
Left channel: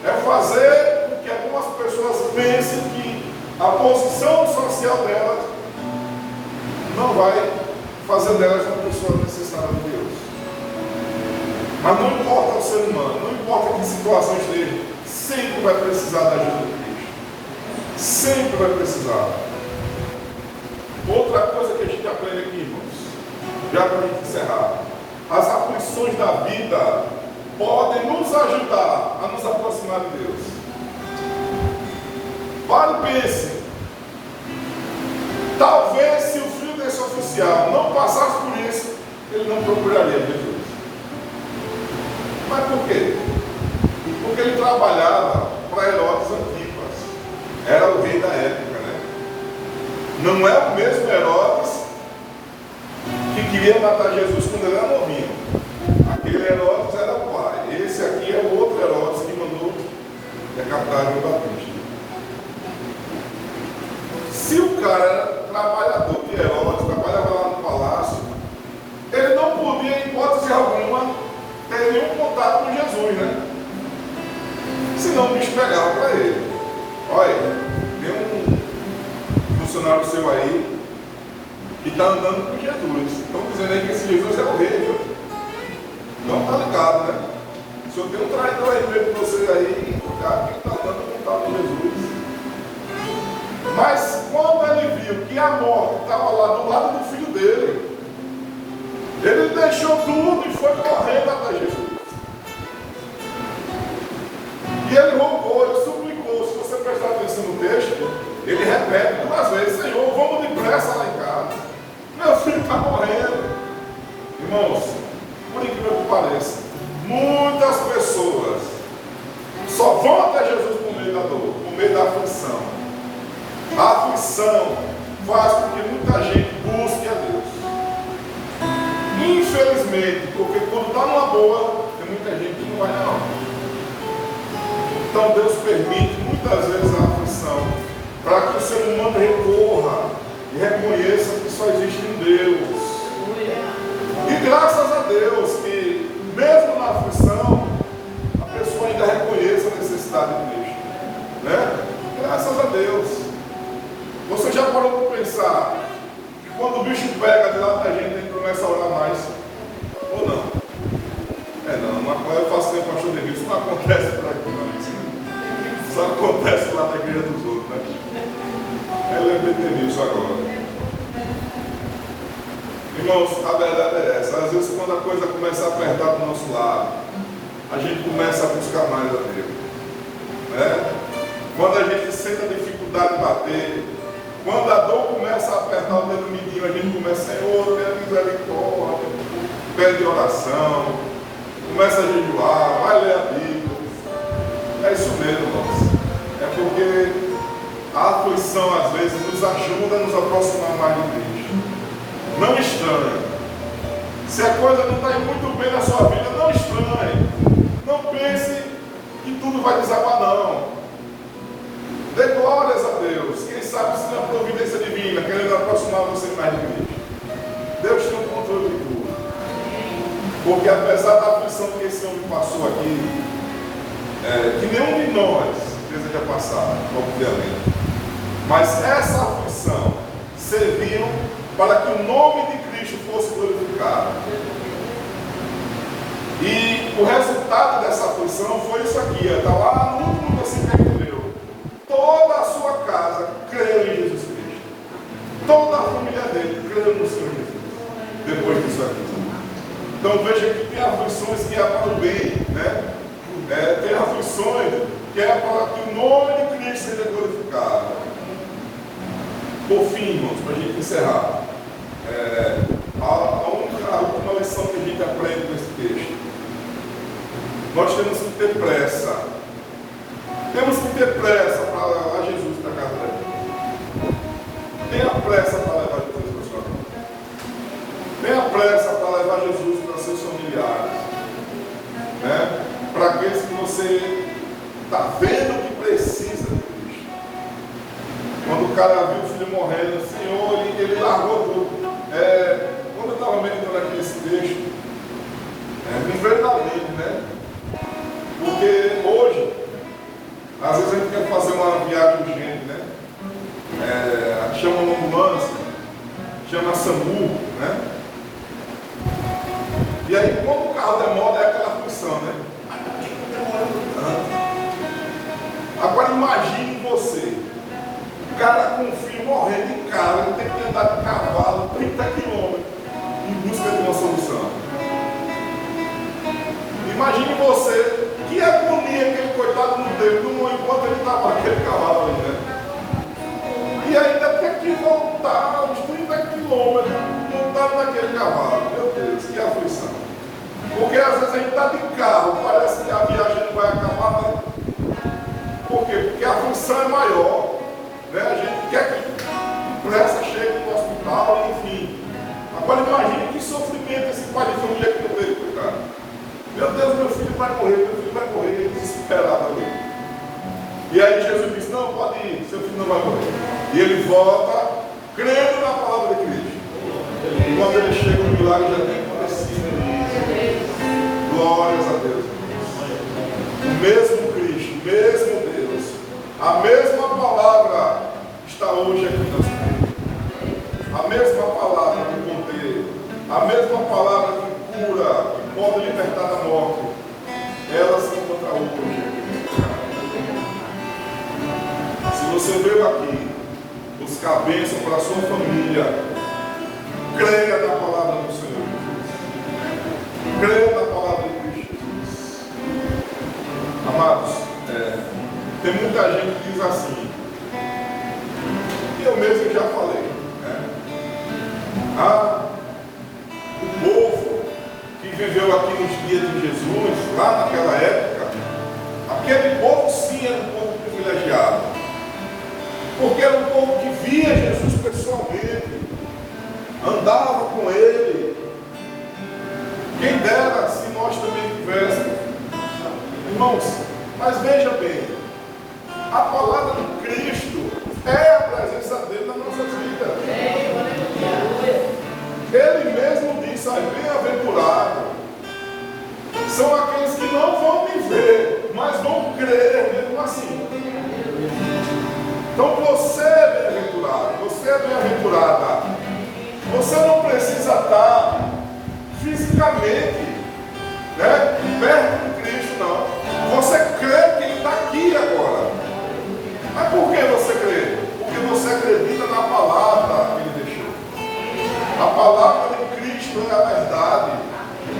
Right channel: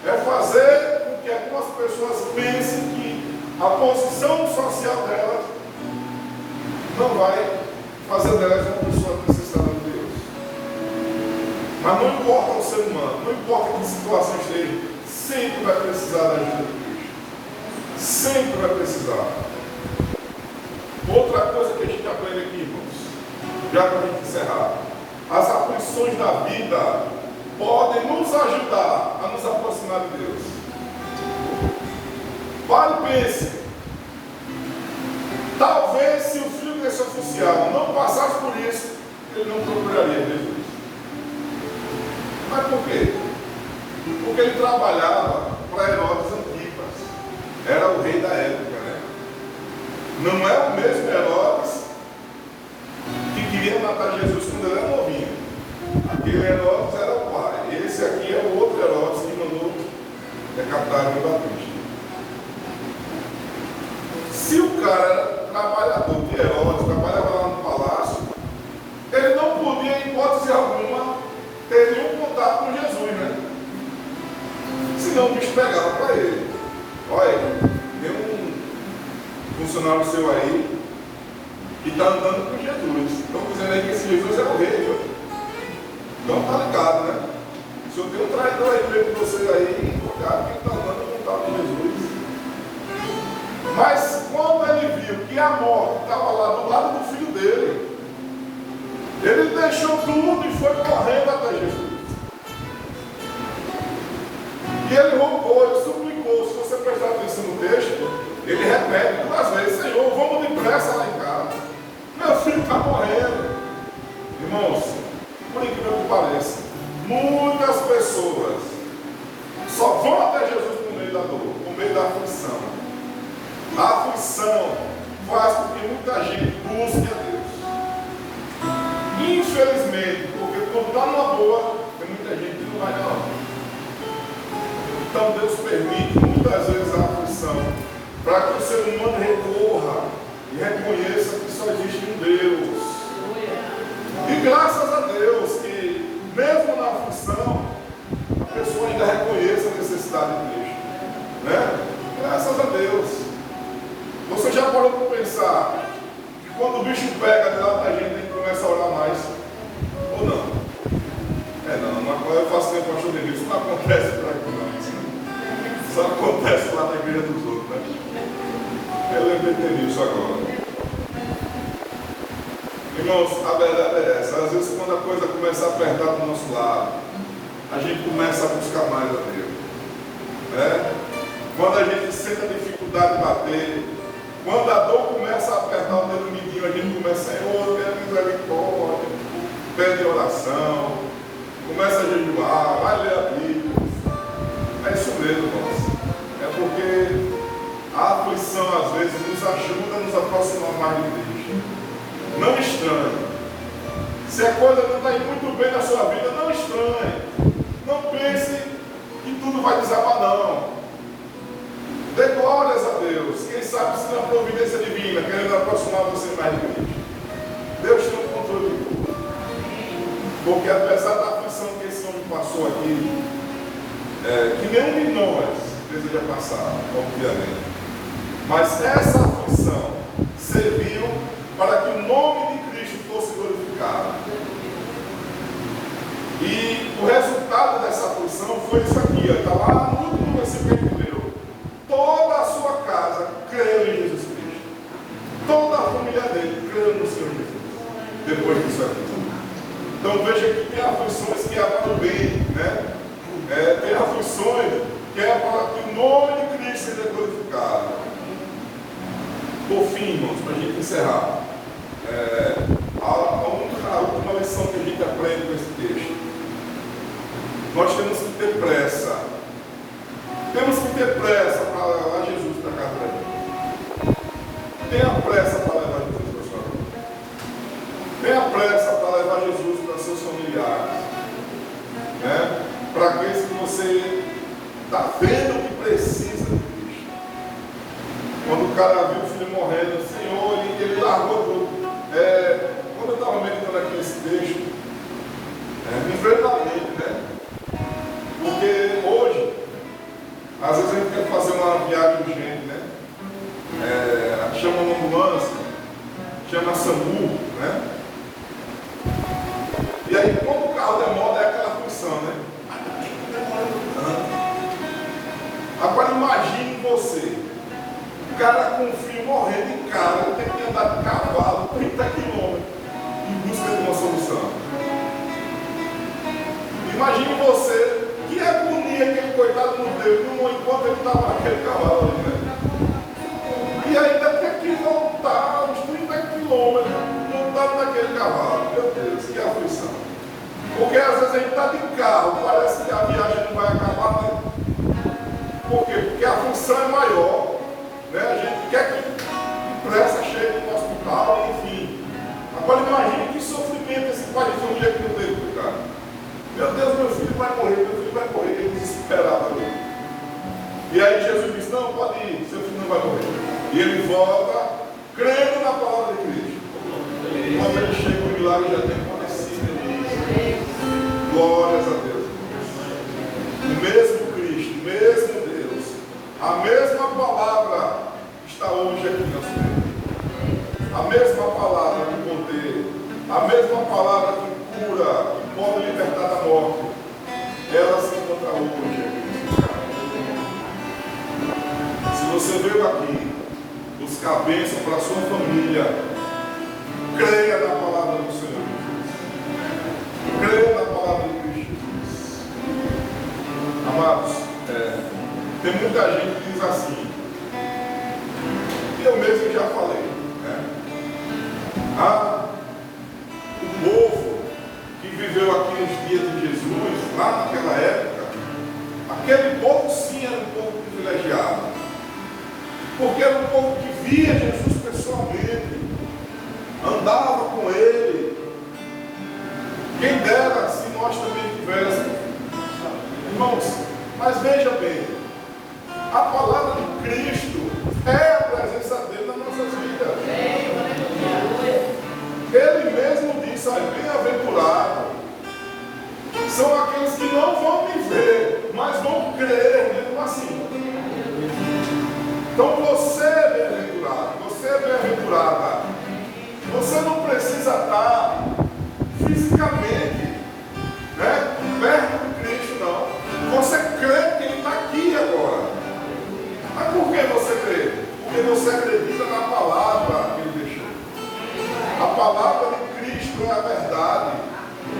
É fazer com que algumas pessoas pensem que a posição social delas não vai fazer delas uma pessoa necessitada de Deus. Mas não importa o ser humano, não importa que situação esteja, sempre vai precisar da ajuda de Deus. Sempre vai precisar. Outra coisa que a gente aprende aqui, irmãos, já para a gente encerrar: as aflições da vida podem nos ajudar a nos aproximar de Deus. Pare e pense. Talvez se o filho desse oficial não passasse por isso, ele não procuraria Jesus. Mas por quê? Porque ele trabalhava para Herodes Antipas. Era o rei da época, né? Não é o mesmo Herodes que queria matar Jesus quando ele era novinho. Aquele Herodes era o pai. Esse aqui é o outro Herodes que mandou decapitar João Batista. Se o cara era trabalhador de Herodes, trabalhava lá no palácio, ele não podia, em hipótese alguma, ter nenhum contato com Jesus, né? Senão o bicho pegava para ele. Olha, tem um funcionário seu aí que está andando com Jesus. Estão dizendo aí que esse Jesus é o rei, viu? Então tá ligado, né? Se eu tenho um traidor aí mesmo para vocês aí, o cara que está andando não está com Jesus. Mas quando ele viu que a morte estava lá do lado do filho dele, ele deixou tudo e foi correndo até Jesus. E ele roncou, ele suplicou. Se você prestar atenção no texto, ele repete duas vezes: Senhor, vamos depressa lá em casa. Meu filho está morrendo. Irmãos, por incrível que pareça, muitas pessoas só vão até Jesus por meio da dor, por meio da aflição. A aflição faz com que muitas a gente busque a Deus. Infelizmente, porque quando está numa boa, tem muita gente que não vai não. Então Deus permite muitas vezes a aflição para que o ser humano recorra e reconheça que só existe um Deus. E graças a Deus que mesmo na aflição a pessoa ainda reconheça a necessidade de Cristo, né? Graças a Deus. Você já parou para pensar que quando o bicho pega de lá da gente, a gente começa a orar mais? Ou não? Não, eu faço tempo para chover, isso não acontece para aqui não. Isso só acontece lá na igreja dos outros, né? Eu lembrei disso agora. Irmãos, a verdade é essa. Às vezes quando a coisa começa a apertar do nosso lado, a gente começa a buscar mais a Deus, né? Quando a gente sente a dificuldade de bater, quando a dor começa a apertar o dedo mindinho, a gente começa, Senhor, tenha misericórdia, pede oração, começa a jejuar, vai ler a Bíblia. É isso mesmo, irmãos. É porque a aflição às vezes nos ajuda a nos aproximar mais de Cristo. Não estranhe. Se a coisa não está indo muito bem na sua vida, não estranhe. Não pense que tudo vai desabar, não. Dê glórias a Deus. Quem sabe se na providência divina, querendo aproximar você mais de Cristo. Deus tem o controle de tudo. Porque apesar da aflição que esse homem passou aqui, que nenhum de nós deseja passar, obviamente. Mas essa aflição serviu para que o nome de Cristo fosse glorificado. E o resultado dessa aflição foi isso aqui, está lá no último versículo que leu. Toda a sua casa creu em Jesus Cristo. Toda a família dele creu no Senhor Jesus. Depois disso aqui. Então veja que tem aflições que é para o bem, né? Tem aflições que é para que o nome de Cristo seja glorificado. Por fim, irmãos, para a gente encerrar, a última lição que a gente aprende nesse texto. Nós temos que ter pressa. Temos que ter pressa para levar Jesus para casa dele. Tenha pressa para levar Jesus para sua vida. Tenha pressa para levar Jesus para seus familiares. Né? Para aqueles que você está vendo que precisa de Cristo. Quando o cara viu o filho morrendo, o Senhor, ele largou tudo. Quando eu estava meditando aqui esse texto, me veio na mente, né? Porque hoje, às vezes a gente quer fazer uma viagem urgente, né? Chama uma ambulância, chama SAMU, né? E aí, quando o carro demora, é aquela aflição, né? Agora imagine você, o cara com o filho morrendo em casa, ele tem que andar de cavalo 30 quilômetros em busca de uma solução. Imagine você, que agonia aquele coitado não teve enquanto ele estava naquele cavalo ali, né? E ainda tem que voltar uns 30 quilômetros montado naquele cavalo. Meu Deus, que aflição. Porque às vezes a gente está de carro, parece que a viagem não vai acabar, né? Por quê? Porque a aflição é maior, né? A gente quer que pressa chegue no hospital, enfim. Agora imagine que sofrimento esse pai de família que não veio para cá. Meu Deus, meu filho vai morrer, ele desesperado ali. E aí Jesus disse, não, pode ir, seu filho não vai morrer. E ele volta, crendo na palavra de Cristo. E quando ele chega, o milagre já tem acontecido. Glórias a Deus. O mesmo Cristo, o mesmo Deus, a mesma palavra está hoje aqui na sua vida. A mesma palavra de poder, a mesma palavra que cura, que pode libertar da morte, ela se encontra hoje. Se você veio aqui buscar bênção para a sua família, creia na palavra do Senhor Jesus. Creia na palavra de Cristo Jesus. Amados, tem muita gente que diz assim, e eu mesmo já falei, né? O povo que viveu aqui nos dias de Jesus, lá naquela época, aquele povo sim era um povo privilegiado, porque era um povo que via Jesus pessoalmente, andava com ele. Quem dera se nós também tivéssemos. Irmãos, mas veja bem, a palavra de Cristo é a presença dele nas nossas vidas. Ele mesmo disse: bem-aventurado são aqueles que não vão me ver, mas vão crer mesmo assim. Então você é bem-aventurado, você é bem-aventurada. Você não precisa estar fisicamente, né, perto de Cristo, não. Você crê que Ele está aqui agora. Mas por que você crê? Porque você acredita na palavra que Ele deixou. A palavra de Cristo é a verdade.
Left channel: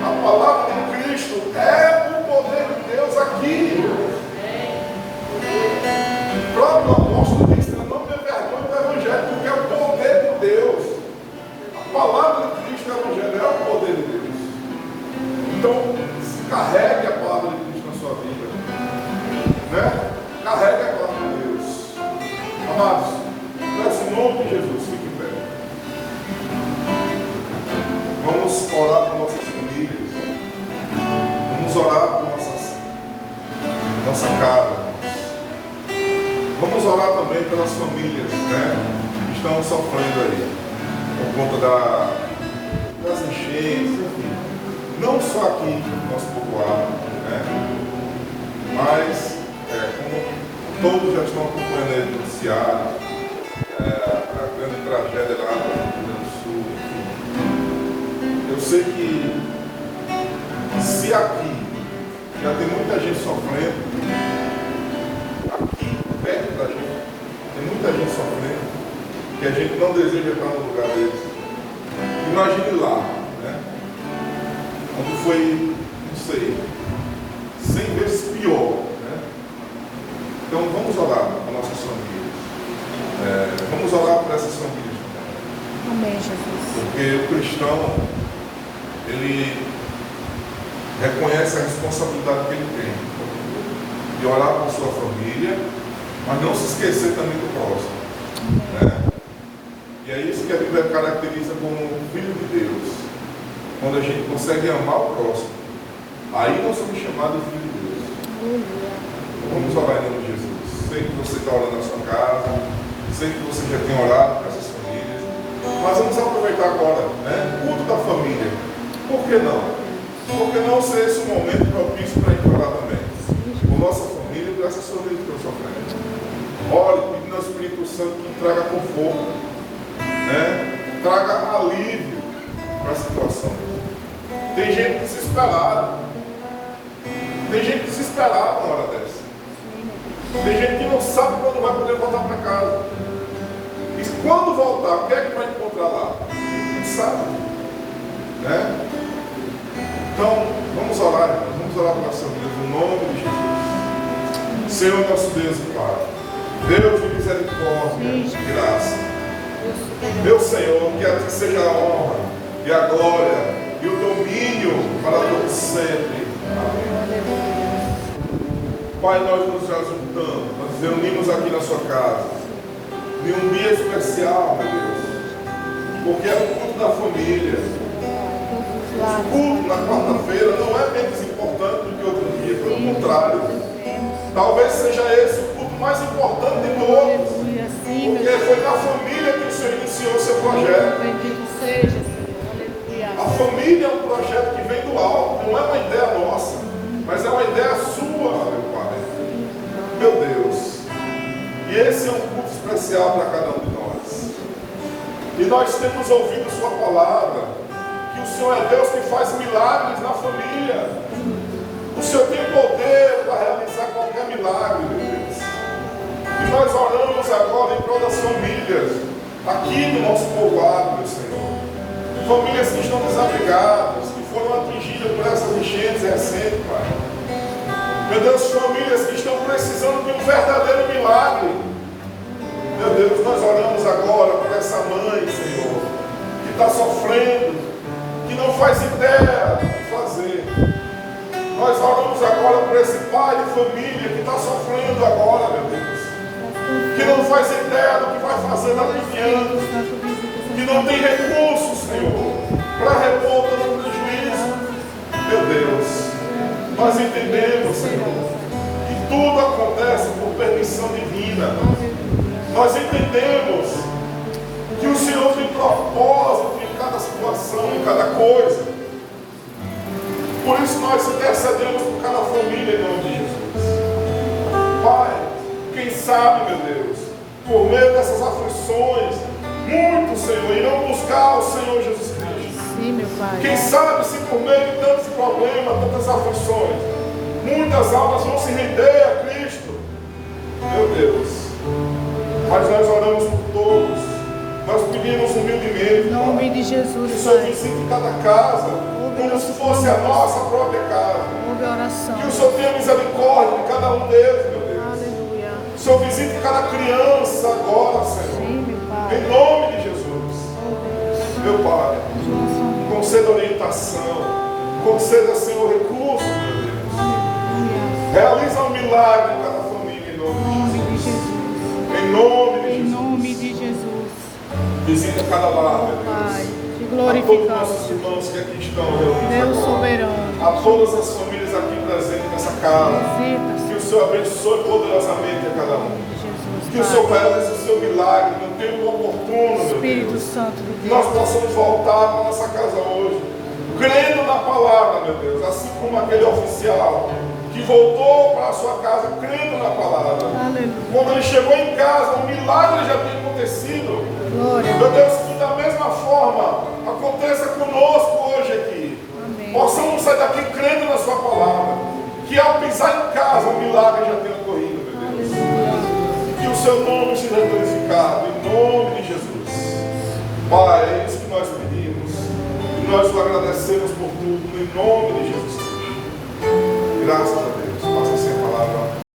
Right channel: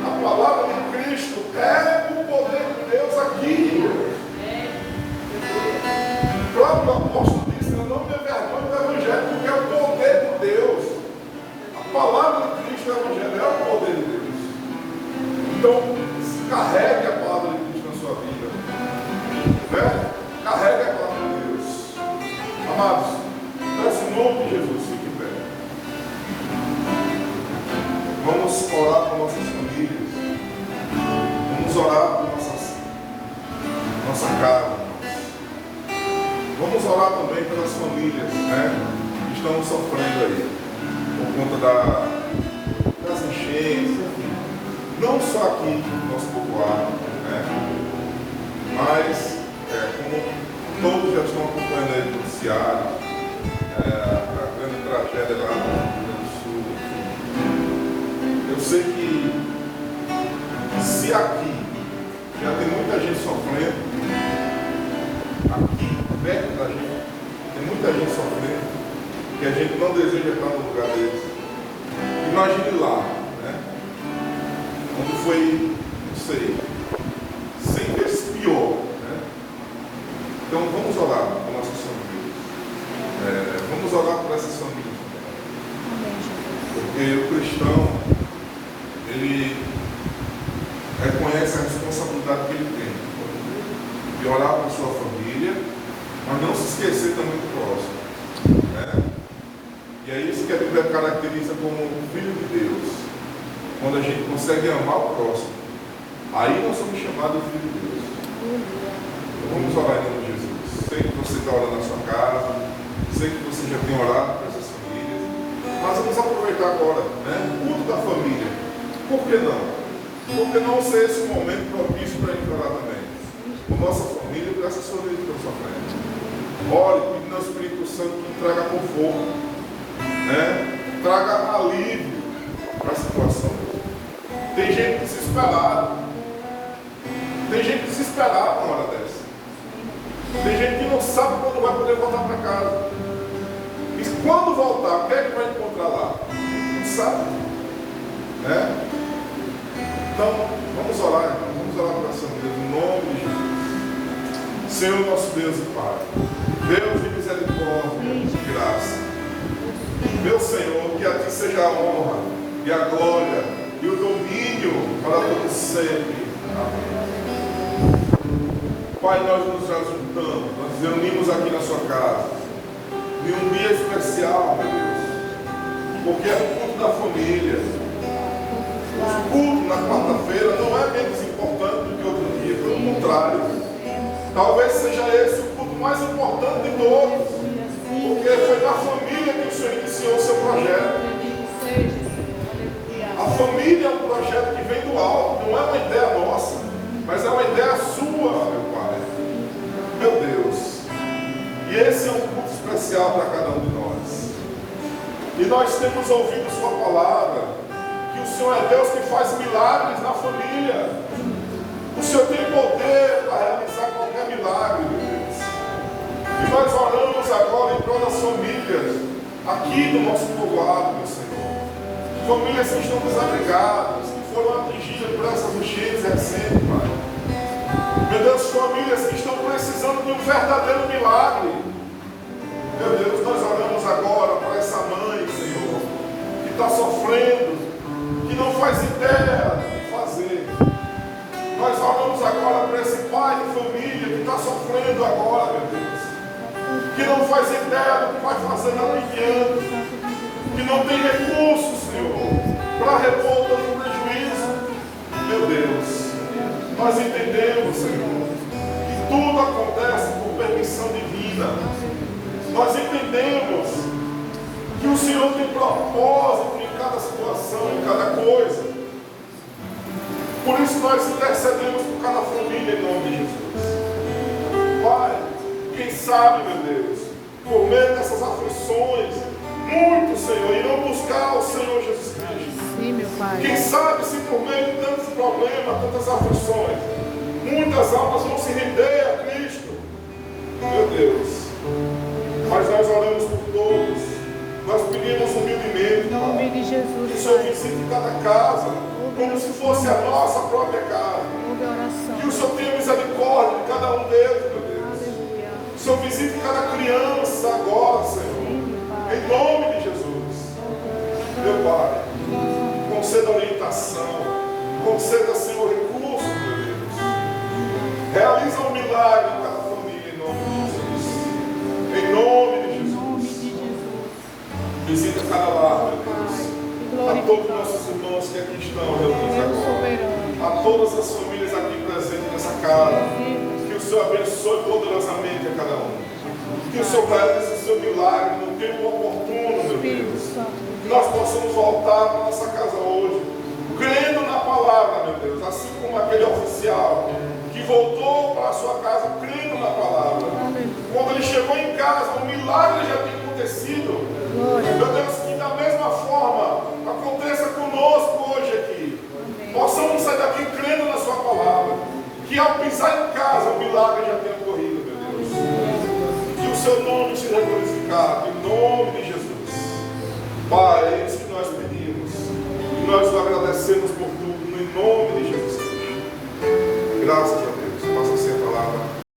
A palavra de Cristo é o poder de Deus aqui. O próprio apóstolo disse: não tenha vergonha do Evangelho, porque é o poder de Deus. A palavra de Cristo é o Evangelho, é o poder de Deus. Então, carregue a palavra de Cristo na sua vida, né? Carregue a palavra de Deus. Amados, nesse nome de Jesus, fique em pé. Vamos orar por nossas famílias. Vamos orar por nossa casa. Vamos orar também pelas famílias, né, que estão sofrendo aí por conta das enchentes, enfim. Não só aqui no nosso povoado, né, mas como todos já estão acompanhando aí no noticiário, a grande tragédia lá no Rio Grande do Sul, enfim. Eu sei que se aqui já tem muita gente sofrendo, aqui perto da gente, tem muita gente sofrendo, que a gente não deseja estar no lugar deles. Imagine lá, né? Onde foi, não sei, 100 vezes pior, né? Então vamos orar por nossas famílias. Vamos orar por essas famílias. Amém, Jesus. Porque o cristão, ele reconhece a responsabilidade que ele tem de orar por sua família, mas não se esquecer também do próximo, né? E é isso que a Bíblia caracteriza como um filho de Deus. Quando a gente consegue amar o próximo, aí nós somos chamados de filho de Deus. Vamos orar em nome de Jesus. Sei que você está orando na sua casa, sei que você já tem orado para essas famílias, mas vamos aproveitar agora, né? O culto da família. Por que não? Por que não ser esse um momento propício para a gente orar também? Por nossa família e por essas famílias que estão sofrendo. Ore, pedindo ao Espírito Santo que traga conforto, né? Traga alívio para a situação. Tem gente desesperada. Tem gente desesperada na hora dessa. Tem gente que não sabe quando vai poder voltar para casa. E quando voltar, o que é que vai encontrar lá? Não sabe, né? Então, vamos orar, irmãos. Vamos orar para essa Deus, no nome de Jesus. Senhor nosso Deus e Pai, Deus de misericórdia, de graça. Meu Senhor, que a Ti seja a honra e a glória e o domínio para todos sempre. Amém. Pai, nós nos juntamos, nós nos reunimos aqui na sua casa, em um dia especial, meu Deus, porque é o culto da família. O culto na quarta-feira não é menos importante do que outro dia, pelo contrário. Talvez seja esse o culto mais importante de todos, porque foi na família que o Senhor iniciou o seu projeto. A família é um projeto que vem do alto, não é uma ideia nossa, mas é uma ideia sua, meu Pai. Meu Deus. E esse é um culto especial para cada um de nós. E nós temos ouvido sua palavra, que o Senhor é Deus que faz milagres na família. O Senhor tem poder para realizar qualquer milagre, meu Deus. E nós oramos agora em todas as famílias, aqui no nosso povoado, meu Senhor. Famílias que estão desabrigadas, que foram atingidas por essas enchentes recentes, Pai. Meu Deus, famílias que estão precisando de um verdadeiro milagre. Meu Deus, nós oramos agora por essa mãe, Senhor, que está sofrendo, que não faz ideia do que fazer. Nós oramos agora por esse pai de família que está sofrendo agora, meu Deus, que não faz ideia do que vai fazer daqui a anos. que não tem recursos, Senhor, para repor todo o prejuízo. Meu Deus, nós entendemos, Senhor, que tudo acontece por permissão divina. Nós entendemos que o Senhor tem propósito em cada situação, em cada coisa. Por isso nós intercedemos por cada família em nome de Jesus. Pai, quem sabe, meu Deus, por meio dessas aflições, muitos, Senhor, irão buscar o Senhor Jesus Cristo. Sim, meu Pai. Quem sabe se por meio de tantos problemas, tantas aflições, muitas almas vão se render a Cristo. Meu Deus, mas nós oramos por todos, nós pedimos humildemente, Em nome de que o Jesus, Senhor Pai. visite cada casa, como se fosse a nossa própria casa. Ouve a oração. Que o Senhor tenha misericórdia de cada um deles, meu Deus. Aleluia. Que o Senhor visite cada criança agora, Senhor. Sim, meu Pai. Em nome de Jesus. Meu Pai, conceda orientação, conceda, Senhor, recursos, meu Deus. Realiza um milagre em cada família, em nome de Jesus. Em nome de Em Jesus. nome de Jesus. Visita cada lar, meu Pai, Deus. te A todos os glorificamos. nossos irmãos que aqui estão reunidos Deus agora. soberano. A todas as famílias aqui presentes nessa casa. Visita, Que o Senhor abençoe poderosamente a cada um. Jesus, Que o Senhor Pai. realize o seu milagre no tempo oportuno, meu Espírito Deus. Santo de Que Deus. nós possamos voltar para a nossa casa hoje, crendo na palavra, meu Deus. Assim como aquele oficial que voltou para a sua casa crendo na palavra. Aleluia. Quando ele chegou em casa, um milagre já tinha acontecido. Glória. Meu Deus, que da mesma forma aconteça conosco hoje aqui. Amém. Possamos sair daqui crendo na sua palavra. Que ao pisar em casa, um milagre já tenha ocorrido, meu Deus. Aleluia. Que o seu nome seja glorificado, em nome de Jesus. Pai, é isso que nós pedimos. E nós o agradecemos por tudo, em nome de Jesus Cristo. Graças a Deus. Passa a ser a palavra.